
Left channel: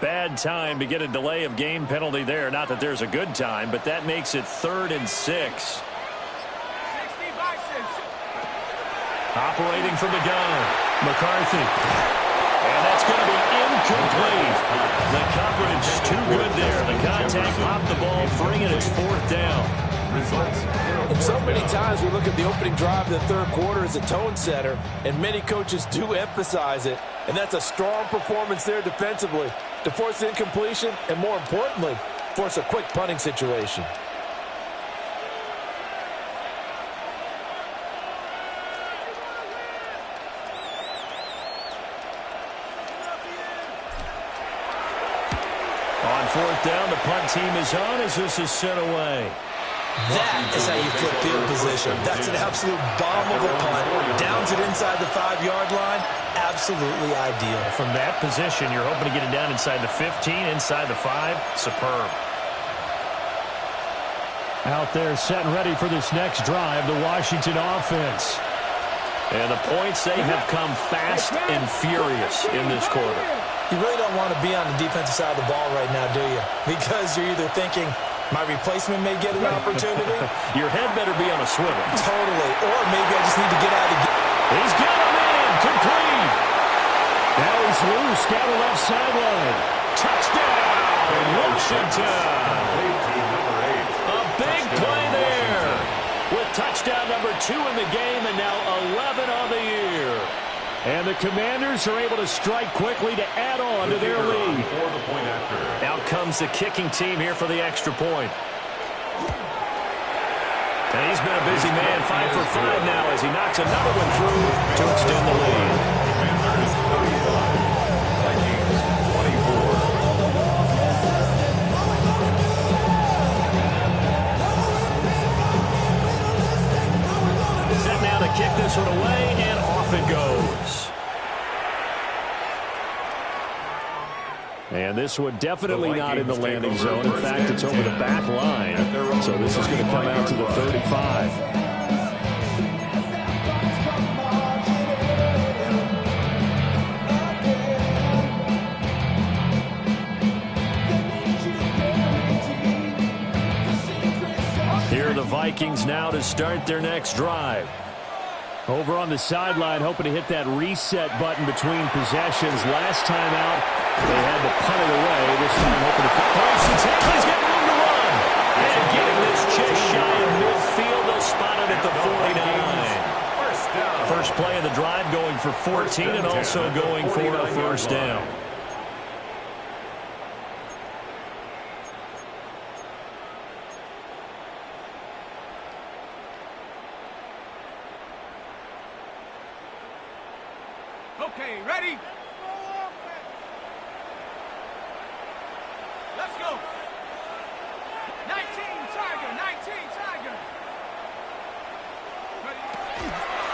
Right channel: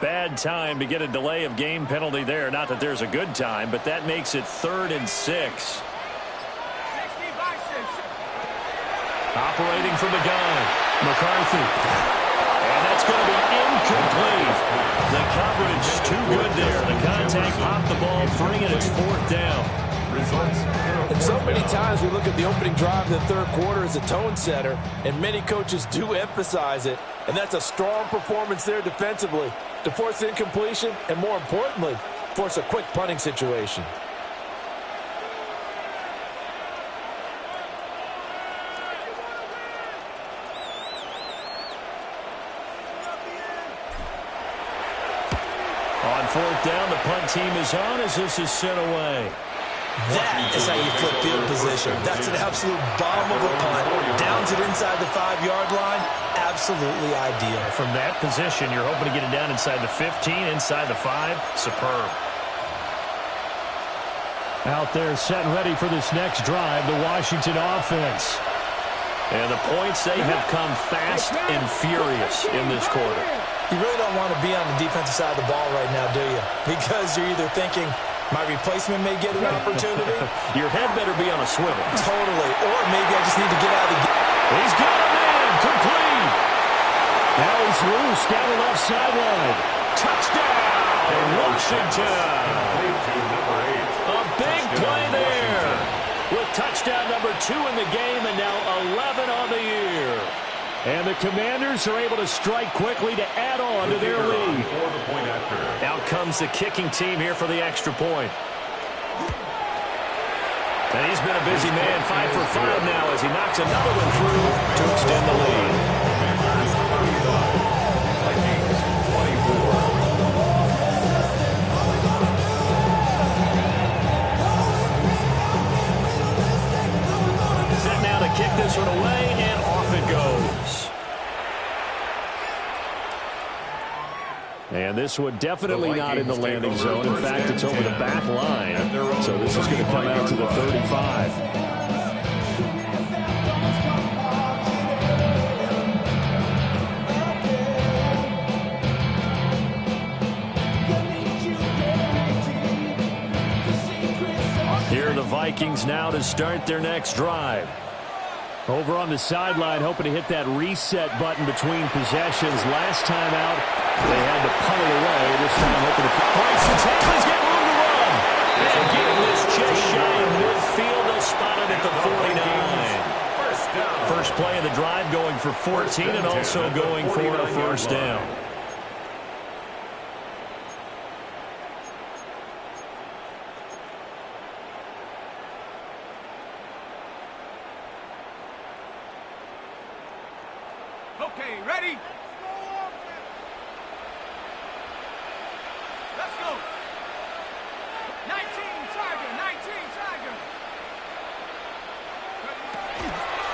Bad time to get a delay of game penalty there. Not that there's a good time, but that makes it 3rd and 6. Operating from the gun, McCarthy. And that's going to be incomplete. The coverage too good there. The contact popped the ball free, and it's 4th down. And so many times we look at the opening drive of the third quarter as a tone setter, and many coaches do emphasize it. And that's a strong performance there defensively to force incompletion and, more importantly, force a quick punting situation. On 4th down, the punt team is on as this is sent away. That is how you flip field position. That's an absolute bomb of a punt. Downs it inside the 5-yard line. Absolutely ideal. From that position, you're hoping to get it down inside the 15, inside the 5. Superb. Out there set and ready for this next drive, the Washington offense. And the points, they have come fast and furious in this quarter. You really don't want to be on the defensive side of the ball right now, do you? Because you're either thinking, my replacement may get an opportunity. Your head better be on a swivel. Totally. Or maybe I just need to get out of the game. He's got him in. Complete. Now he's loose down the left sideline. Touchdown, Washington. A big play there. With touchdown number 2 in the game and now 11 on the year. And the Commanders are able to strike quickly to add on to their lead. Out comes the kicking team here for the extra point. And he's been a busy man, 5 for 5 now as he knocks another one through to extend the lead. Commanders 35, Vikings 24. Set now to kick this one away, and off it goes. And this one definitely not in the landing zone. In fact, it's over the back line. So this is going to come out to the 35. Here are the Vikings now to start their next drive. Over on the sideline, hoping to hit that reset button between possessions. Last time out, they had to punt it away. This time, hoping to breaks the tackle. He's got room to run. And getting this just shy of midfield. They'll spot it at the 49. First play of the drive going for 14 and also going for a first down. Okay, ready? Let's go. 19 Tiger, 19 Tiger.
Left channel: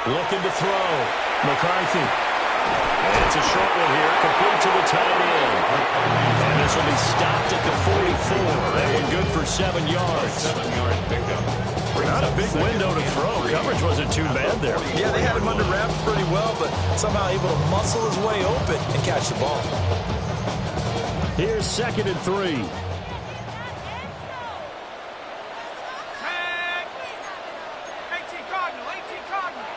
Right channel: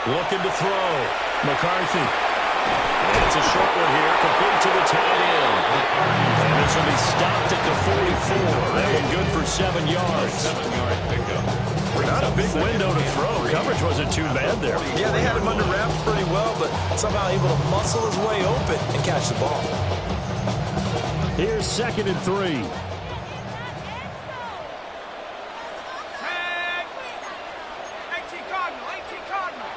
Looking to throw. McCarthy. And it's a short one here, complete to the tight end. And this will be stopped at the 44. That one good for 7 yards. 7-yard pickup. Not a big window to throw. Coverage wasn't too bad there. Yeah, they had him under wraps pretty well, but somehow able to muscle his way open and catch the ball. Here's 2nd and 3. Tag. 18 Cardinal, 18 Cardinal.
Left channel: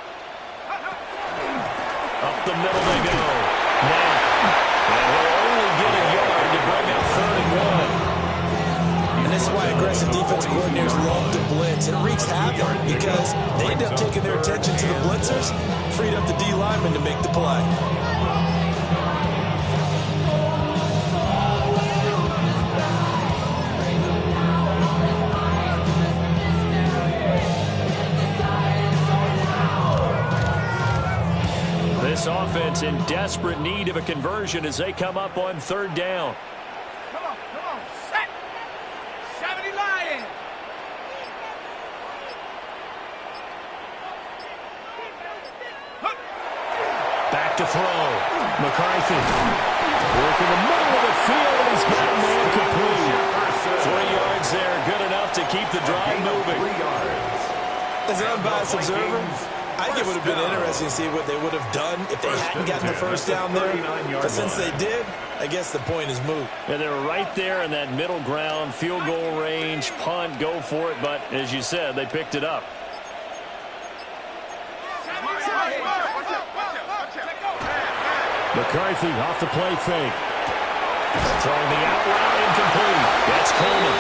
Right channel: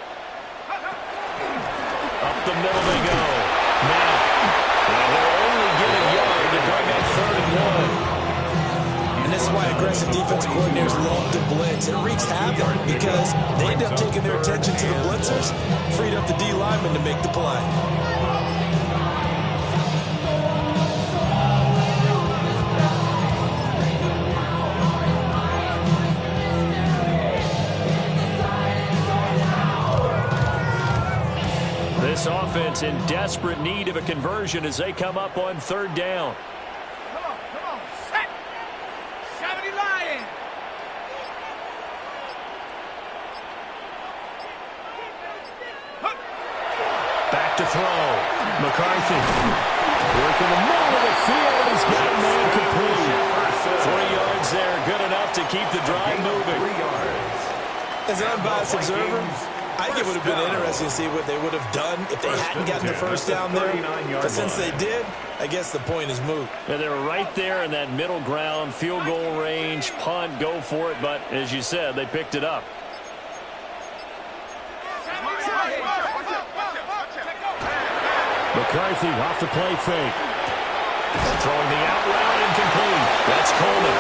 Up the middle they go. Now. And he'll only get a yard to bring up 3rd and 1. And this is why aggressive defense coordinators love to blitz. It wreaks havoc because they end up taking their attention to the blitzers, freed up the D lineman to make the play. This offense in desperate need of a conversion as they come up on 3rd down. Come on, set. 70 Lions. Back to throw. McCarthy. Working the middle of the field, and he's got a man complete. 3 yards there, good enough to keep the drive moving. 3 yards. As an unbiased observer, I think it would have been interesting to see what they would have done if they hadn't gotten the first down there. But since they did, I guess the point is moot. Yeah, they were right there in that middle ground, field goal range, punt, go for it. But as you said, they picked it up. McCarthy off the play fake. Throwing the out route, incomplete. That's Coleman.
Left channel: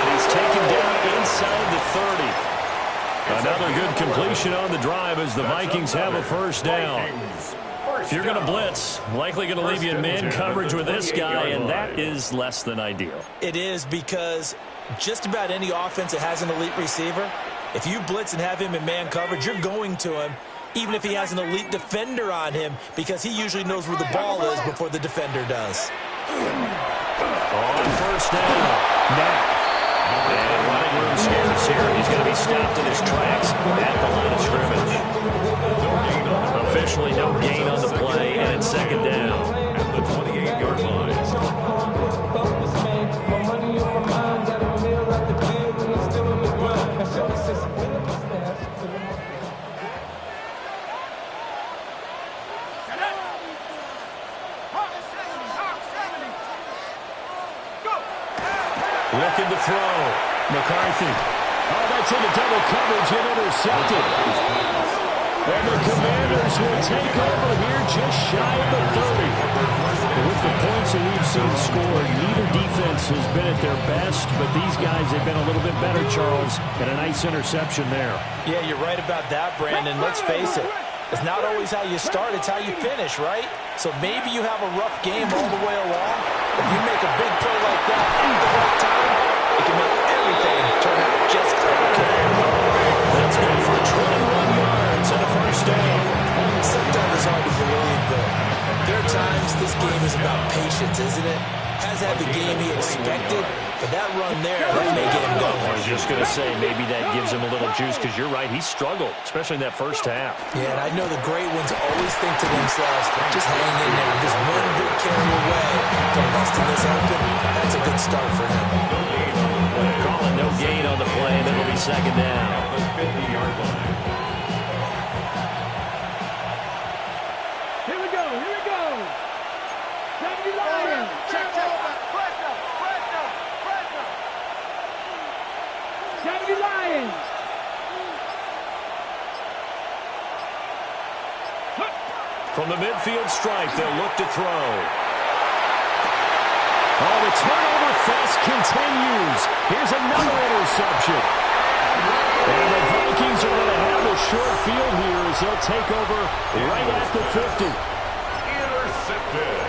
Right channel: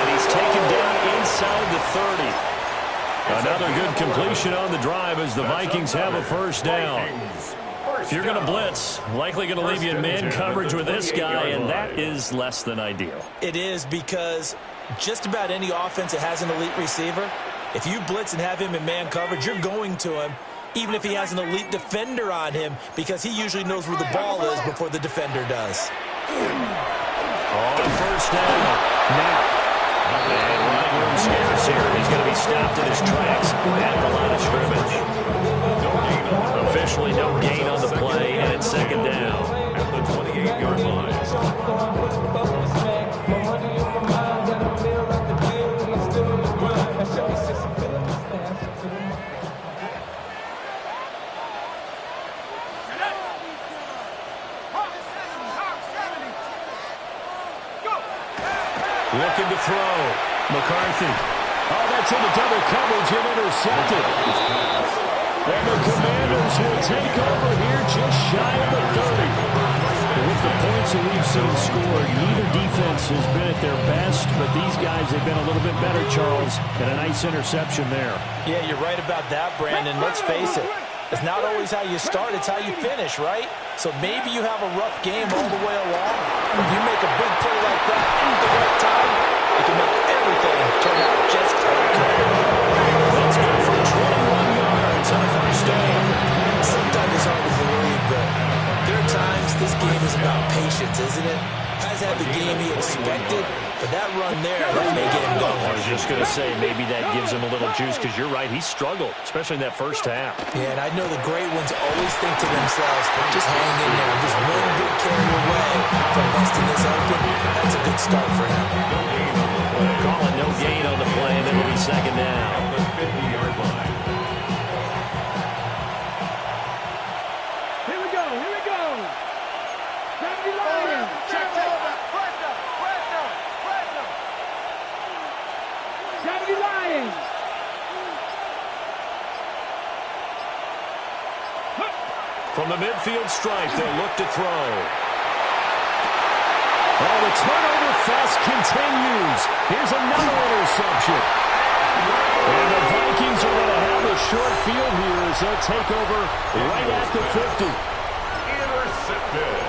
And he's taken down inside the 30. Another good completion on the drive as the Vikings have a first down. If you're going to blitz, likely going to leave you in man coverage with this guy, and that is less than ideal. It is because just about any offense that has an elite receiver, if you blitz and have him in man coverage, you're going to him, even if he has an elite defender on him, because he usually knows where the ball is before the defender does. On first down, now. And running room scarce here. He's going to be stopped in his tracks at the line of scrimmage. Officially no gain on the play, and it's 2nd down. At the 28-yard line. Looking to throw. McCarthy. Oh, that's into double coverage and intercepted. And the Commanders will take over here just shy of the 30. With the points that we've seen scored, neither defense has been at their best, but these guys have been a little bit better, Charles, and a nice interception there. Yeah, you're right about that, Brandon. Let's face it. It's not always how you start, it's how you finish, right? So maybe you have a rough game all the way along. If you make a big play like that at the right time, it can make everything turn out just okay. That's good for 21 yards and a first down. Sometimes it's hard to believe, but there are times this game is about patience, isn't it? Has had the game he expected, but that run there, that may get him going. I was just going to say, maybe that gives him a little juice, because you're right, he struggled, especially in that first half. Yeah, and I know the great ones always think to themselves, just hang in there. I'm just one good carry away from busting this open. That's a good start for him. Calling no gain on the play, and it'll be 2nd down. At the 50-yard line. Here we go. 70 Lions. Check. 70 Lions. From the midfield stripe, they'll look to throw. Oh, the turnover fest continues. Here's another interception. And the Vikings are going to have the short field here as they'll take over right at the 50. Intercepted.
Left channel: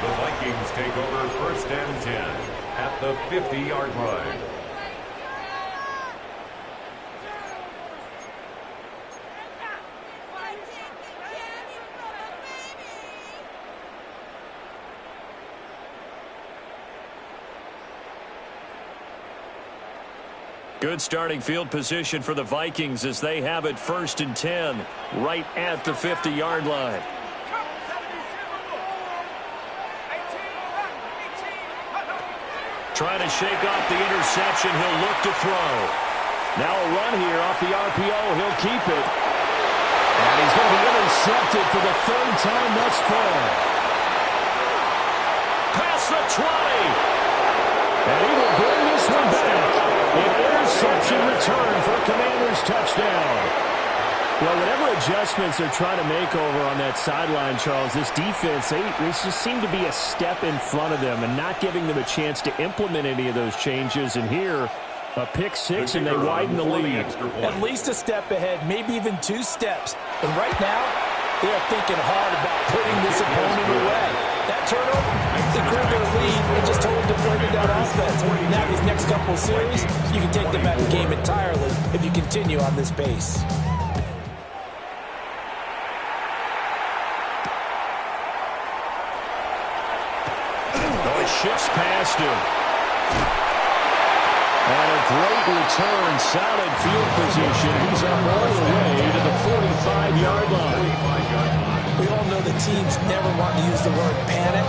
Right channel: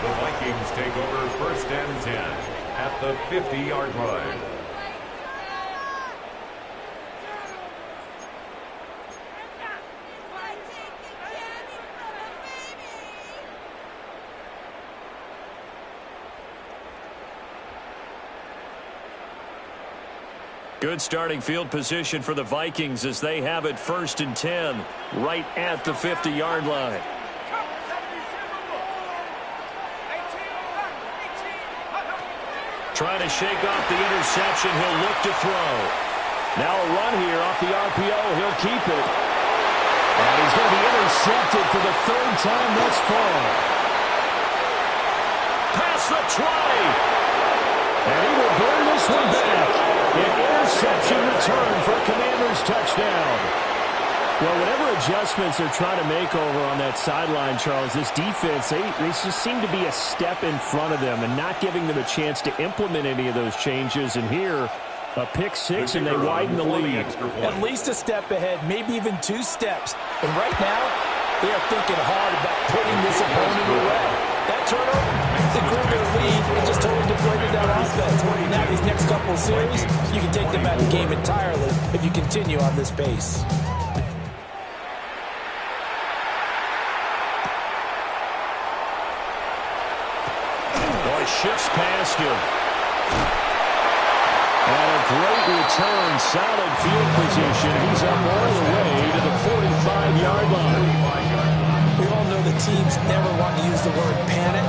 The Vikings take over 1st and 10 at the 50-yard line. Good starting field position for the Vikings as they have it 1st and 10 right at the 50-yard line. Trying to shake off the interception. He'll look to throw. Now a run here off the RPO. He'll keep it. And he's going to be intercepted for the 3rd time thus far. Past the 20. And he will bring this one back. An interception return for a Commanders touchdown. Well, whatever adjustments they're trying to make over on that sideline, Charles, this defense, they just seem to be a step in front of them and not giving them a chance to implement any of those changes. And here, a pick six, and they widen the lead. At least a step ahead, maybe even 2 steps. And right now, they are thinking hard about putting this opponent away. That turnover, they grew their lead and just totally deflated that offense. Now these next couple of series, you can take them out of the game entirely if you continue on this pace. Shifts past him. And a great return, solid field position. He's up all the way to the 45-yard line. We all know the teams never want to use the word panic,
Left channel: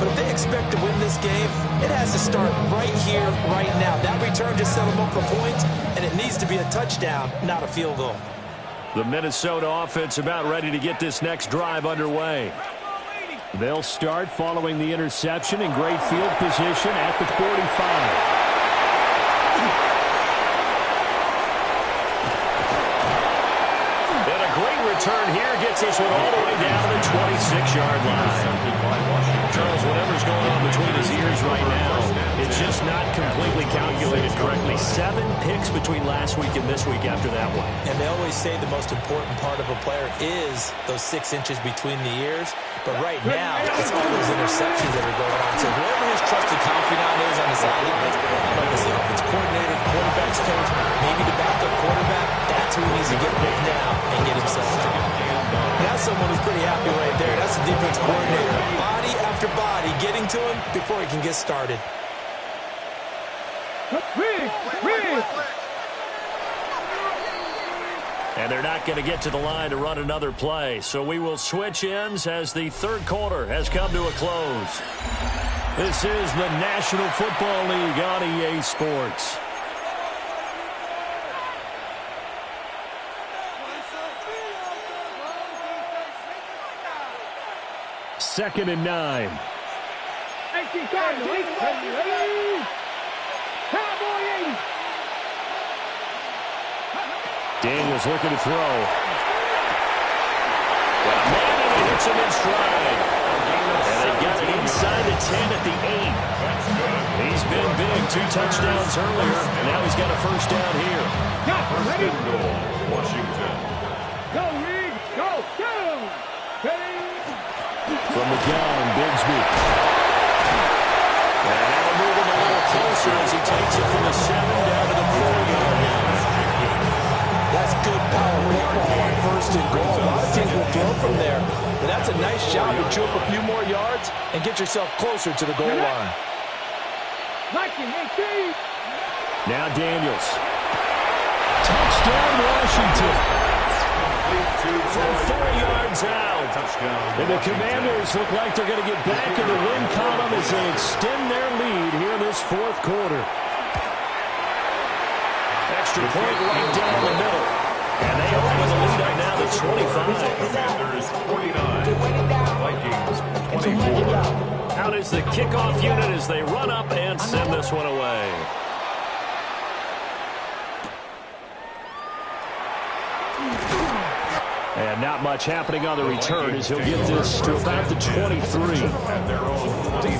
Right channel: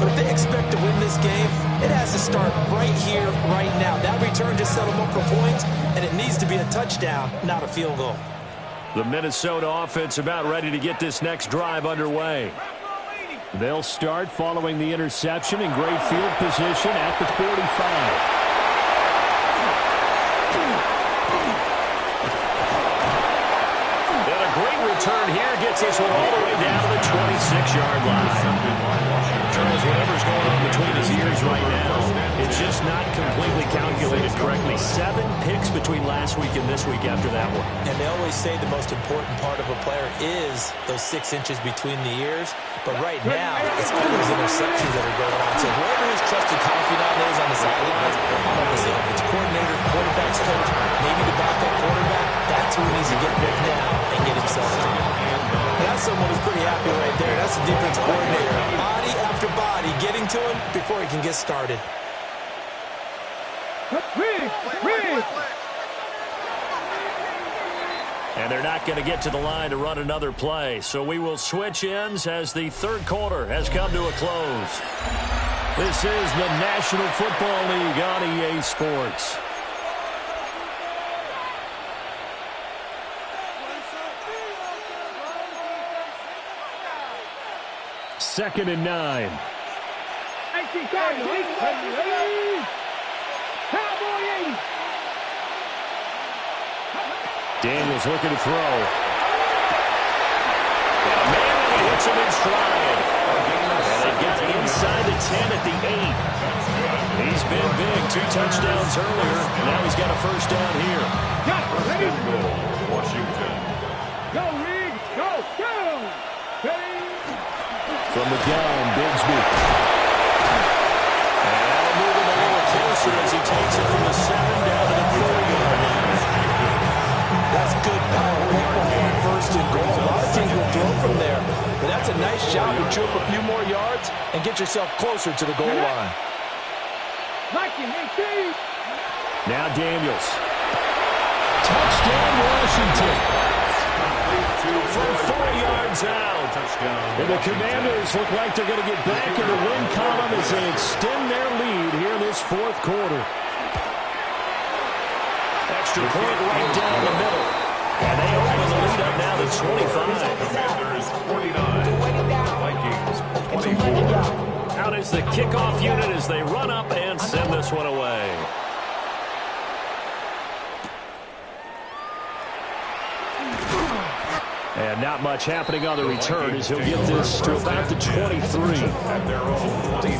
but if they expect to win this game, it has to start right here, right now. That return just set them up for points, and it needs to be a touchdown, not a field goal. The Minnesota offense about ready to get this next drive underway. They'll start following the interception in great field position at the 45. And a great return here gets this one all the way down to the 26-yard line. Charles, whatever's going on between his ears right now, it's just not completely calculated correctly. 7 picks between last week and this week after that one. And they always say the most important part of a player is those 6 inches between the ears. But right now, it's all those interceptions that are going on. So whoever his trusted confidant is on the sidelines, I don't know if it's the offense coordinator, quarterback's coach, maybe the backup quarterback, that's who he needs to get with now and get himself to. And that's someone who's pretty happy right there. That's the defense coordinator. Body after body getting to him before he can get started. And they're not going to get to the line to run another play. So we will switch ends as the 3rd quarter has come to a close. This is the National Football League on EA Sports. Second and 9. Daniels looking to throw. Got a man, and he hits him in stride. And they've got it inside the 10 at the 8. He's been big. 2 touchdowns earlier. Now he's got a 1st down here. First and goal, Washington. Go, Reed. Go. Go. Ready. From the gun, Bigsby. And that'll move him a little closer as he takes it from the 7 down to the 4-yard line. That's good power football on 1st and goal. A lot of teams will throw from there. But that's a nice job to chew up a few more yards and get yourself closer to the goal line. Now Daniels. Touchdown, Washington. From 4 yards out. And the Commanders look like they're going to get back in the win column as they extend their lead here in this 4th quarter. Extra point right down the middle. And they open the lead up now to 25. Commanders 49. Vikings 24. Out is the kickoff unit as they run up and send this one away. And not much happening on the return as he'll get this to about the 23. At their own 20.